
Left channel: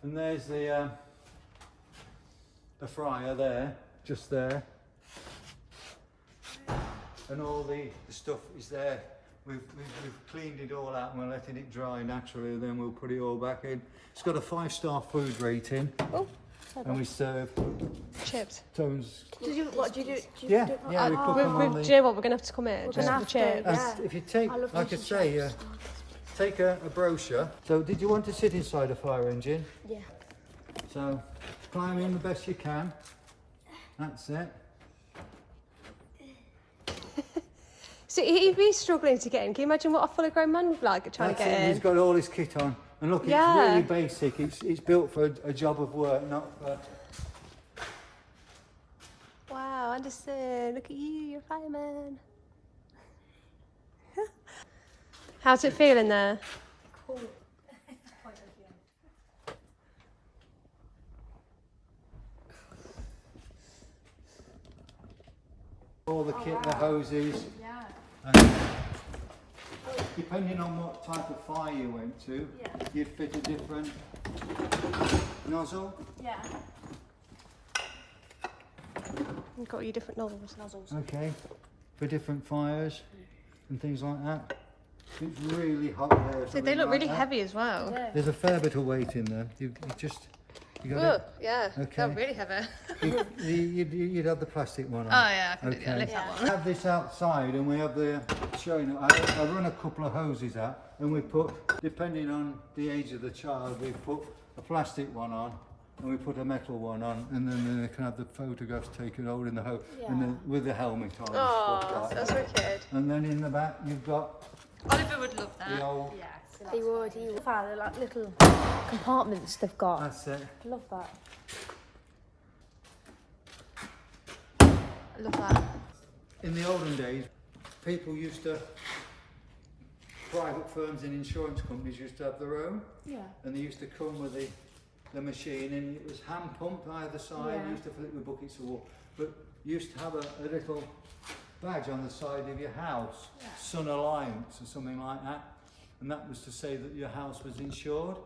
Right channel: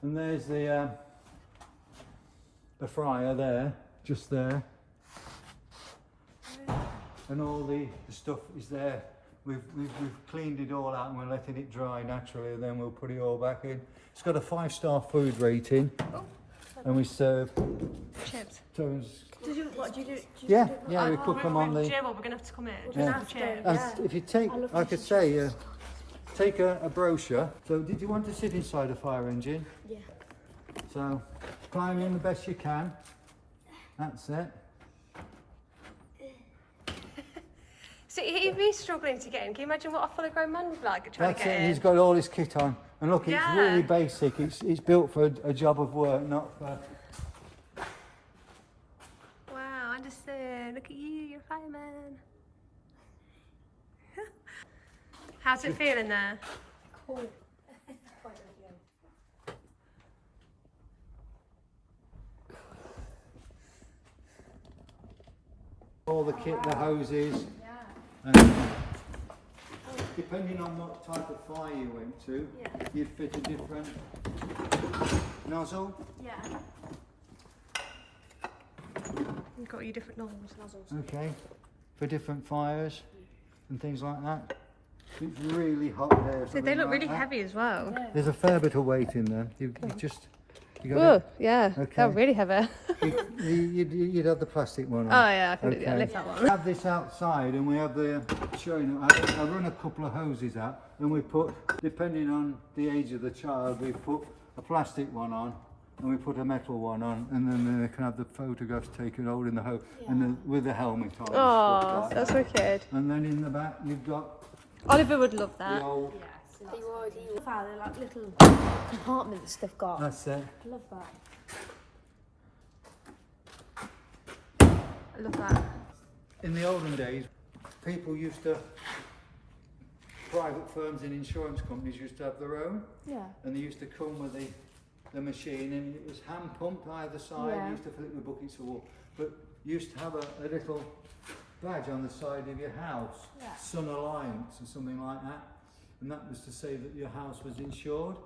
And there's the fryer there, just there, and all the stuff is there. We've cleaned it all out and we're letting it dry naturally, and then we'll put it all back in. It's got a 5-star food rating, and we serve Chips. tones. Did you do? Yeah, we cook them on Do the. you know what? We're going to have to come here. Just gonna for have to, chips. yeah. And if you take, like I say, take a brochure. So did you want to sit inside a fire engine? Yeah. So climb in the best you can. That's it. So he'd be struggling to get in. Can you imagine what a fully grown man would like trying That's to get it. in? He's got all his kit on. And look, it's really basic. It's built for a job of work, not for... Wow, Anderson, look at you, you're a fireman. How's it feeling there? Cool. all the kit, the hoses. And depending on what type of fire you went to, you'd fit a different nozzle. Yeah. You've got your different nozzles. Okay, for different fires and things like that. It's really hot there. So they look really heavy as well. Yeah. There's a fair bit of weight in them. You just You got Oh, it? yeah. Okay. They're really heavy. You'd have the plastic one on. Oh, yeah, I can do that. Lift that one. We have this outside and we have the showing. I run a couple of hoses out and we put, depending on the age of the child, we put a plastic one on and we put a metal one on, and then they can have the photographs taken holding the hose and then with the helmet on and stuff like That's that. wicked. And then in the back you've got Oliver would love the that. old. They were Found like little compartments they've got. That's it. I love that. I love that. In the olden days, people used to, private firms and insurance companies used to have their own. Yeah. And they used to come with the machine, and it was hand pumped either side. Yeah. You used to fill it with buckets of water, but you used to have a little badge on the side of your house, Yeah. Sun Alliance or something like that, and that was to say that your house was insured.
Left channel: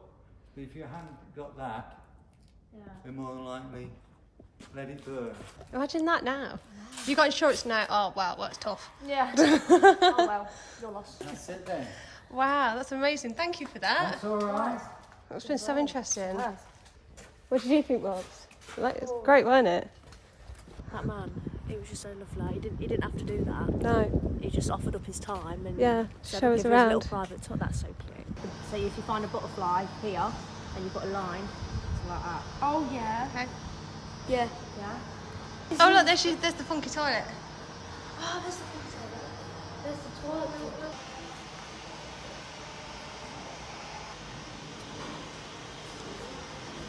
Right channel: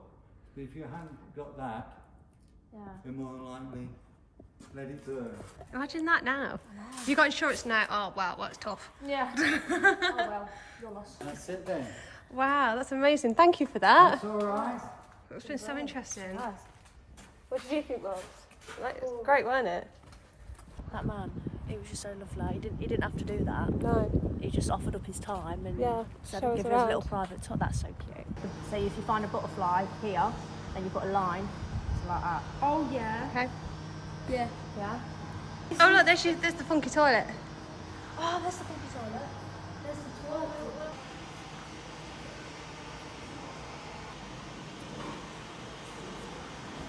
But if you hadn't got that, Yeah. you'd more than likely let it burn. Imagine that now. If you got insurance now, oh wow, well, it's tough. Yeah. Oh well, your loss. That's it then. Wow, that's amazing. Thank you for that. That's all right. It's been so interesting. Nice. What did you think, Wallace? Like, it's great, wasn't it? That man, he was just so lovely. He didn't have to do that. No. He just offered up his time and Yeah, said, show "I'll us give you a little around." private tour." That's so cute. So if you find a butterfly here, then you put a line, so like that. Oh yeah. Okay. Yeah. Yeah. Oh look, there's the funky toilet. Oh, that's the thing to say. There's the toilet.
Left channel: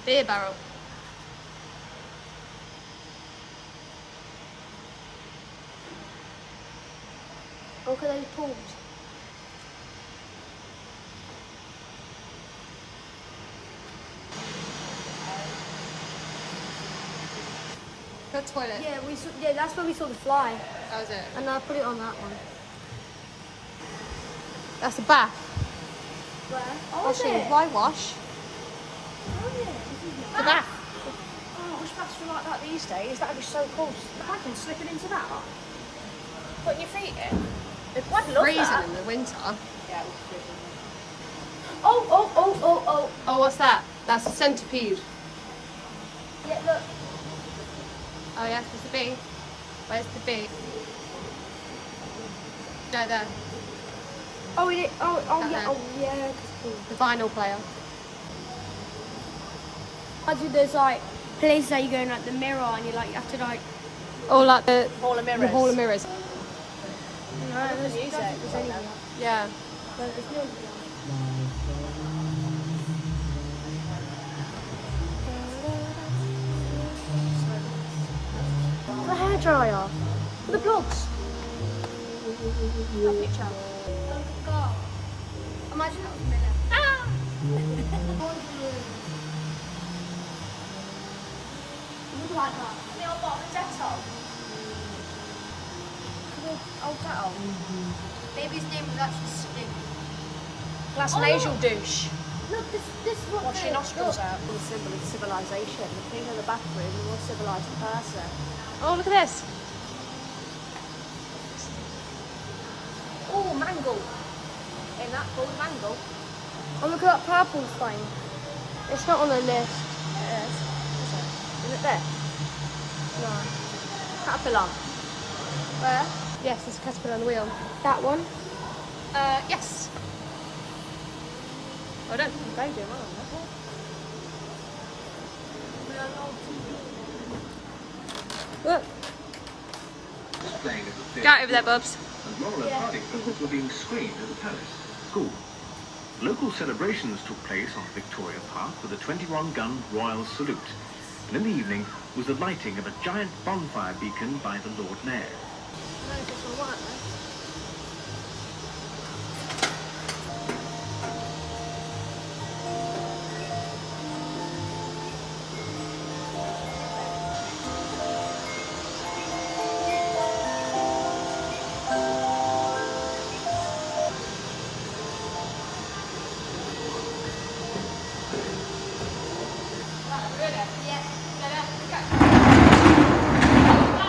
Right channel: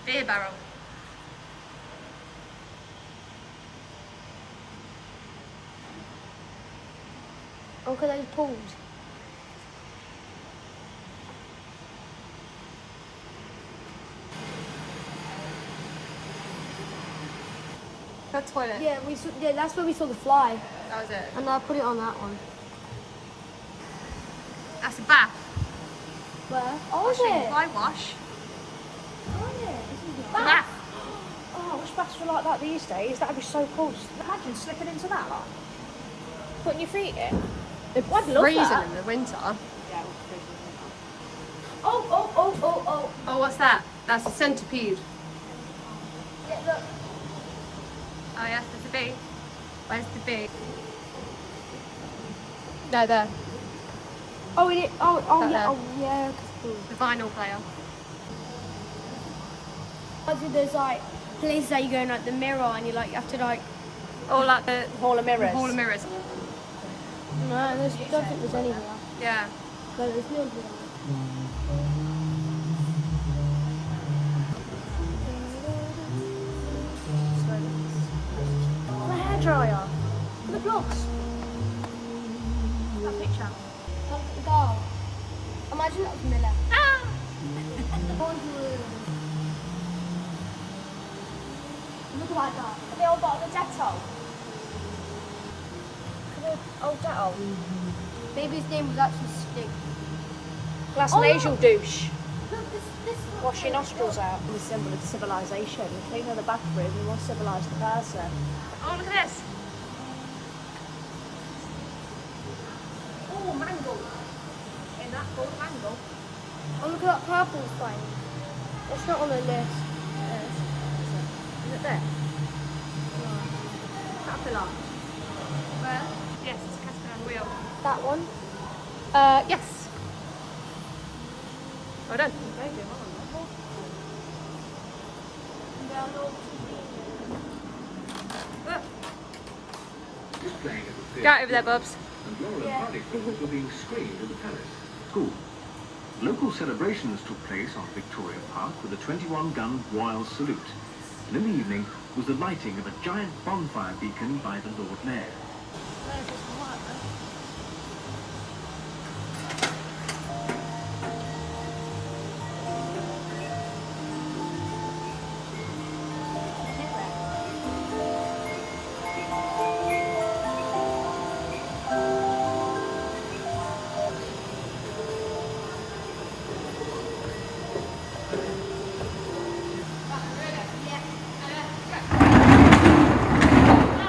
Beer barrel. Look at those pools. Good toilet. Yeah, that's where we saw the fly. That was it. And I put it on that one. That's a bath. Where? Oh, Washing, why wash? Oh, yeah. This is The bath. Oh, which baths were like that these days? That'd be so cool. Imagine slipping into that. Putting your feet in. It's I'd love freezing that. in the winter. Yeah, it would be freezing. Oh. Oh, what's that? That's a centipede. Yeah, look. Oh yes, there's a bee. Where's the bee? No, there. Oh, it. Oh, That yeah. there. Oh, yeah. Cause cool. The vinyl player. Imagine there's like places that you go in like the mirror and you have to like. Oh, like the Hall of the mirrors. hall of mirrors. No, I don't think there's any here. Yeah. No, there's no here. The hairdryer. The plugs. That picture. Go. Imagine that was Miller. Ah! Look at that. The old bottle of Dettol. Old Dettol. Maybe his name was actually Stick. Glass Oh, nasal look. douche. Look, this is what Wash your nostrils out. The symbol of civilization. Came on the bathroom, the more civilized the person. Oh, look at this. Oh, mango. In that full mango. Oh, look at that purple thing. It's not on the list. Is it there? No. Caterpillar. Where? Yes, it's a caterpillar on the wheel. That one. Yes. Well done. Look. Go out over there, Bubs. were being screened in the palace. School. Local celebrations took place on Victoria Park with a 21-gun Royal Salute. And in the evening was the lighting of a giant bonfire beacon by the Lord Mayor. I don't know if it's on white though.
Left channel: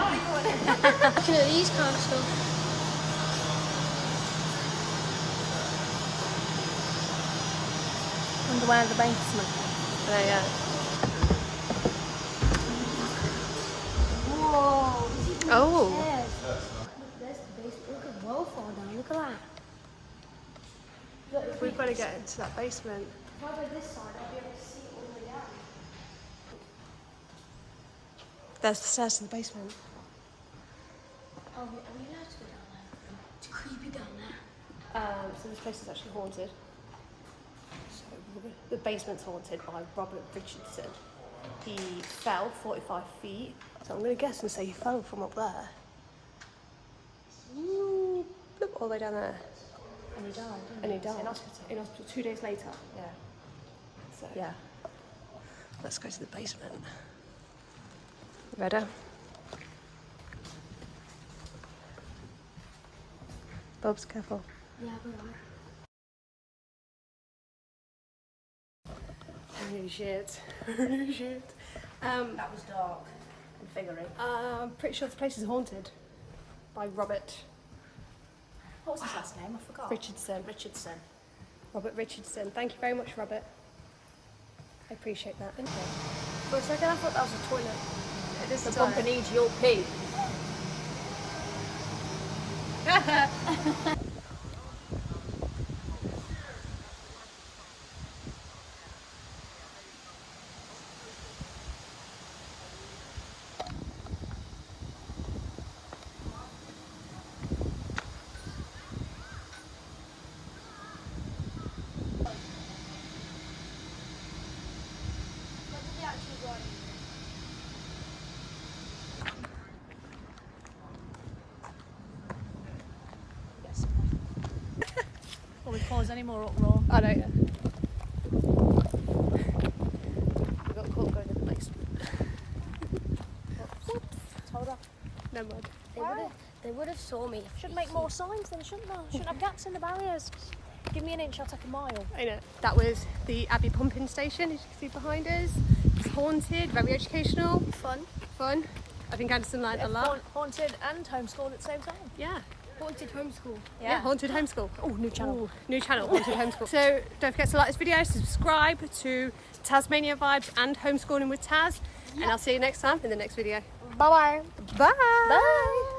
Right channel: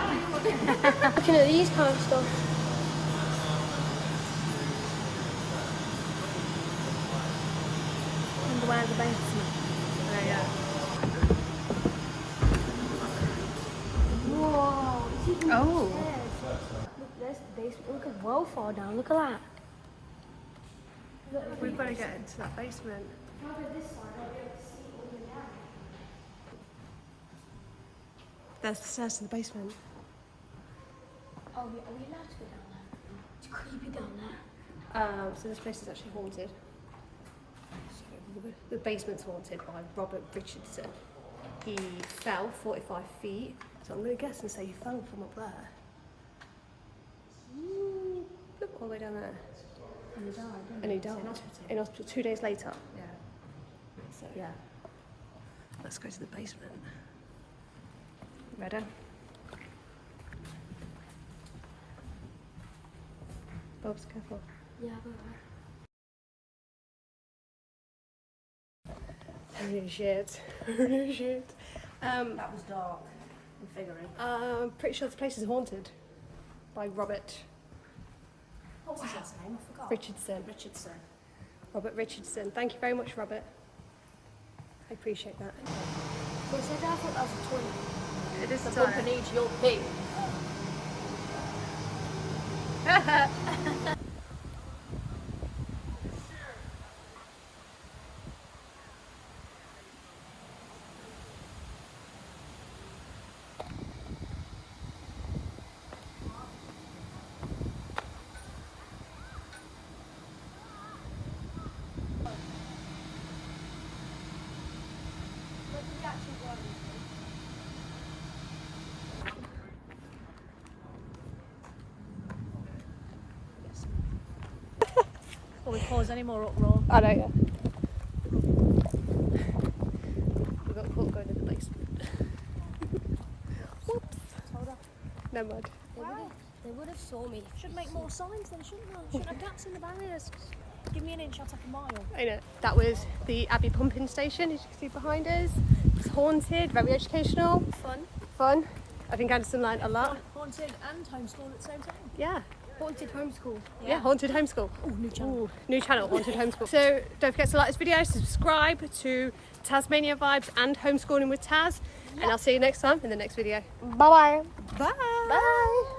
Looking at these kind of stuff. Underwear in the basement. There you go. Oh. Look, there's the basement. Look at well far down. Look at that. Look, We've got to get into that basement. if I go this side, I'll be able to see all the way down. There's the stairs to the basement. Oh, are we allowed to go down there? It's creepy down there. So this place is actually haunted. So the basement's haunted by Robert Richardson. He fell 45 feet. So I'm going to guess and say he fell from up there. Ooh, look all the way down there. And he died, didn't And he In died hospital. in hospital 2 days later. Yeah. So Yeah. let's go to the basement. Ready? Bob's careful. Yeah, we're right. Holy shit. Holy shit. That was dark and figurey. I'm pretty sure this place is haunted by Robert What was his last name? I forgot. Richardson. Richardson. Robert Richardson. Thank you very much, Robert. I appreciate that. For a second, I thought that was a toilet. It is the Company to your pig. Will we cause any more uproar? I don't know. We got caught going in the basement. Whoops. Hold up. No mud. They would have saw me. Should make more signs then, shouldn't they? Shouldn't have gaps in the barriers. Give me an inch, I'll take a mile. I know. That was the Abbey pumping station, as you can see behind us. It's haunted, very educational. Fun. I think Anderson learned a lot. Haunted and homeschooled at the same time. Yeah. Haunted homeschool. Yeah, haunted homeschool. Oh, new channel. Ooh, new channel, haunted homeschool. So don't forget to like this video, subscribe to Tazmania Vibes and Homeschooling with Taz. And I'll see you next time in the next video. Bye-bye. Bye.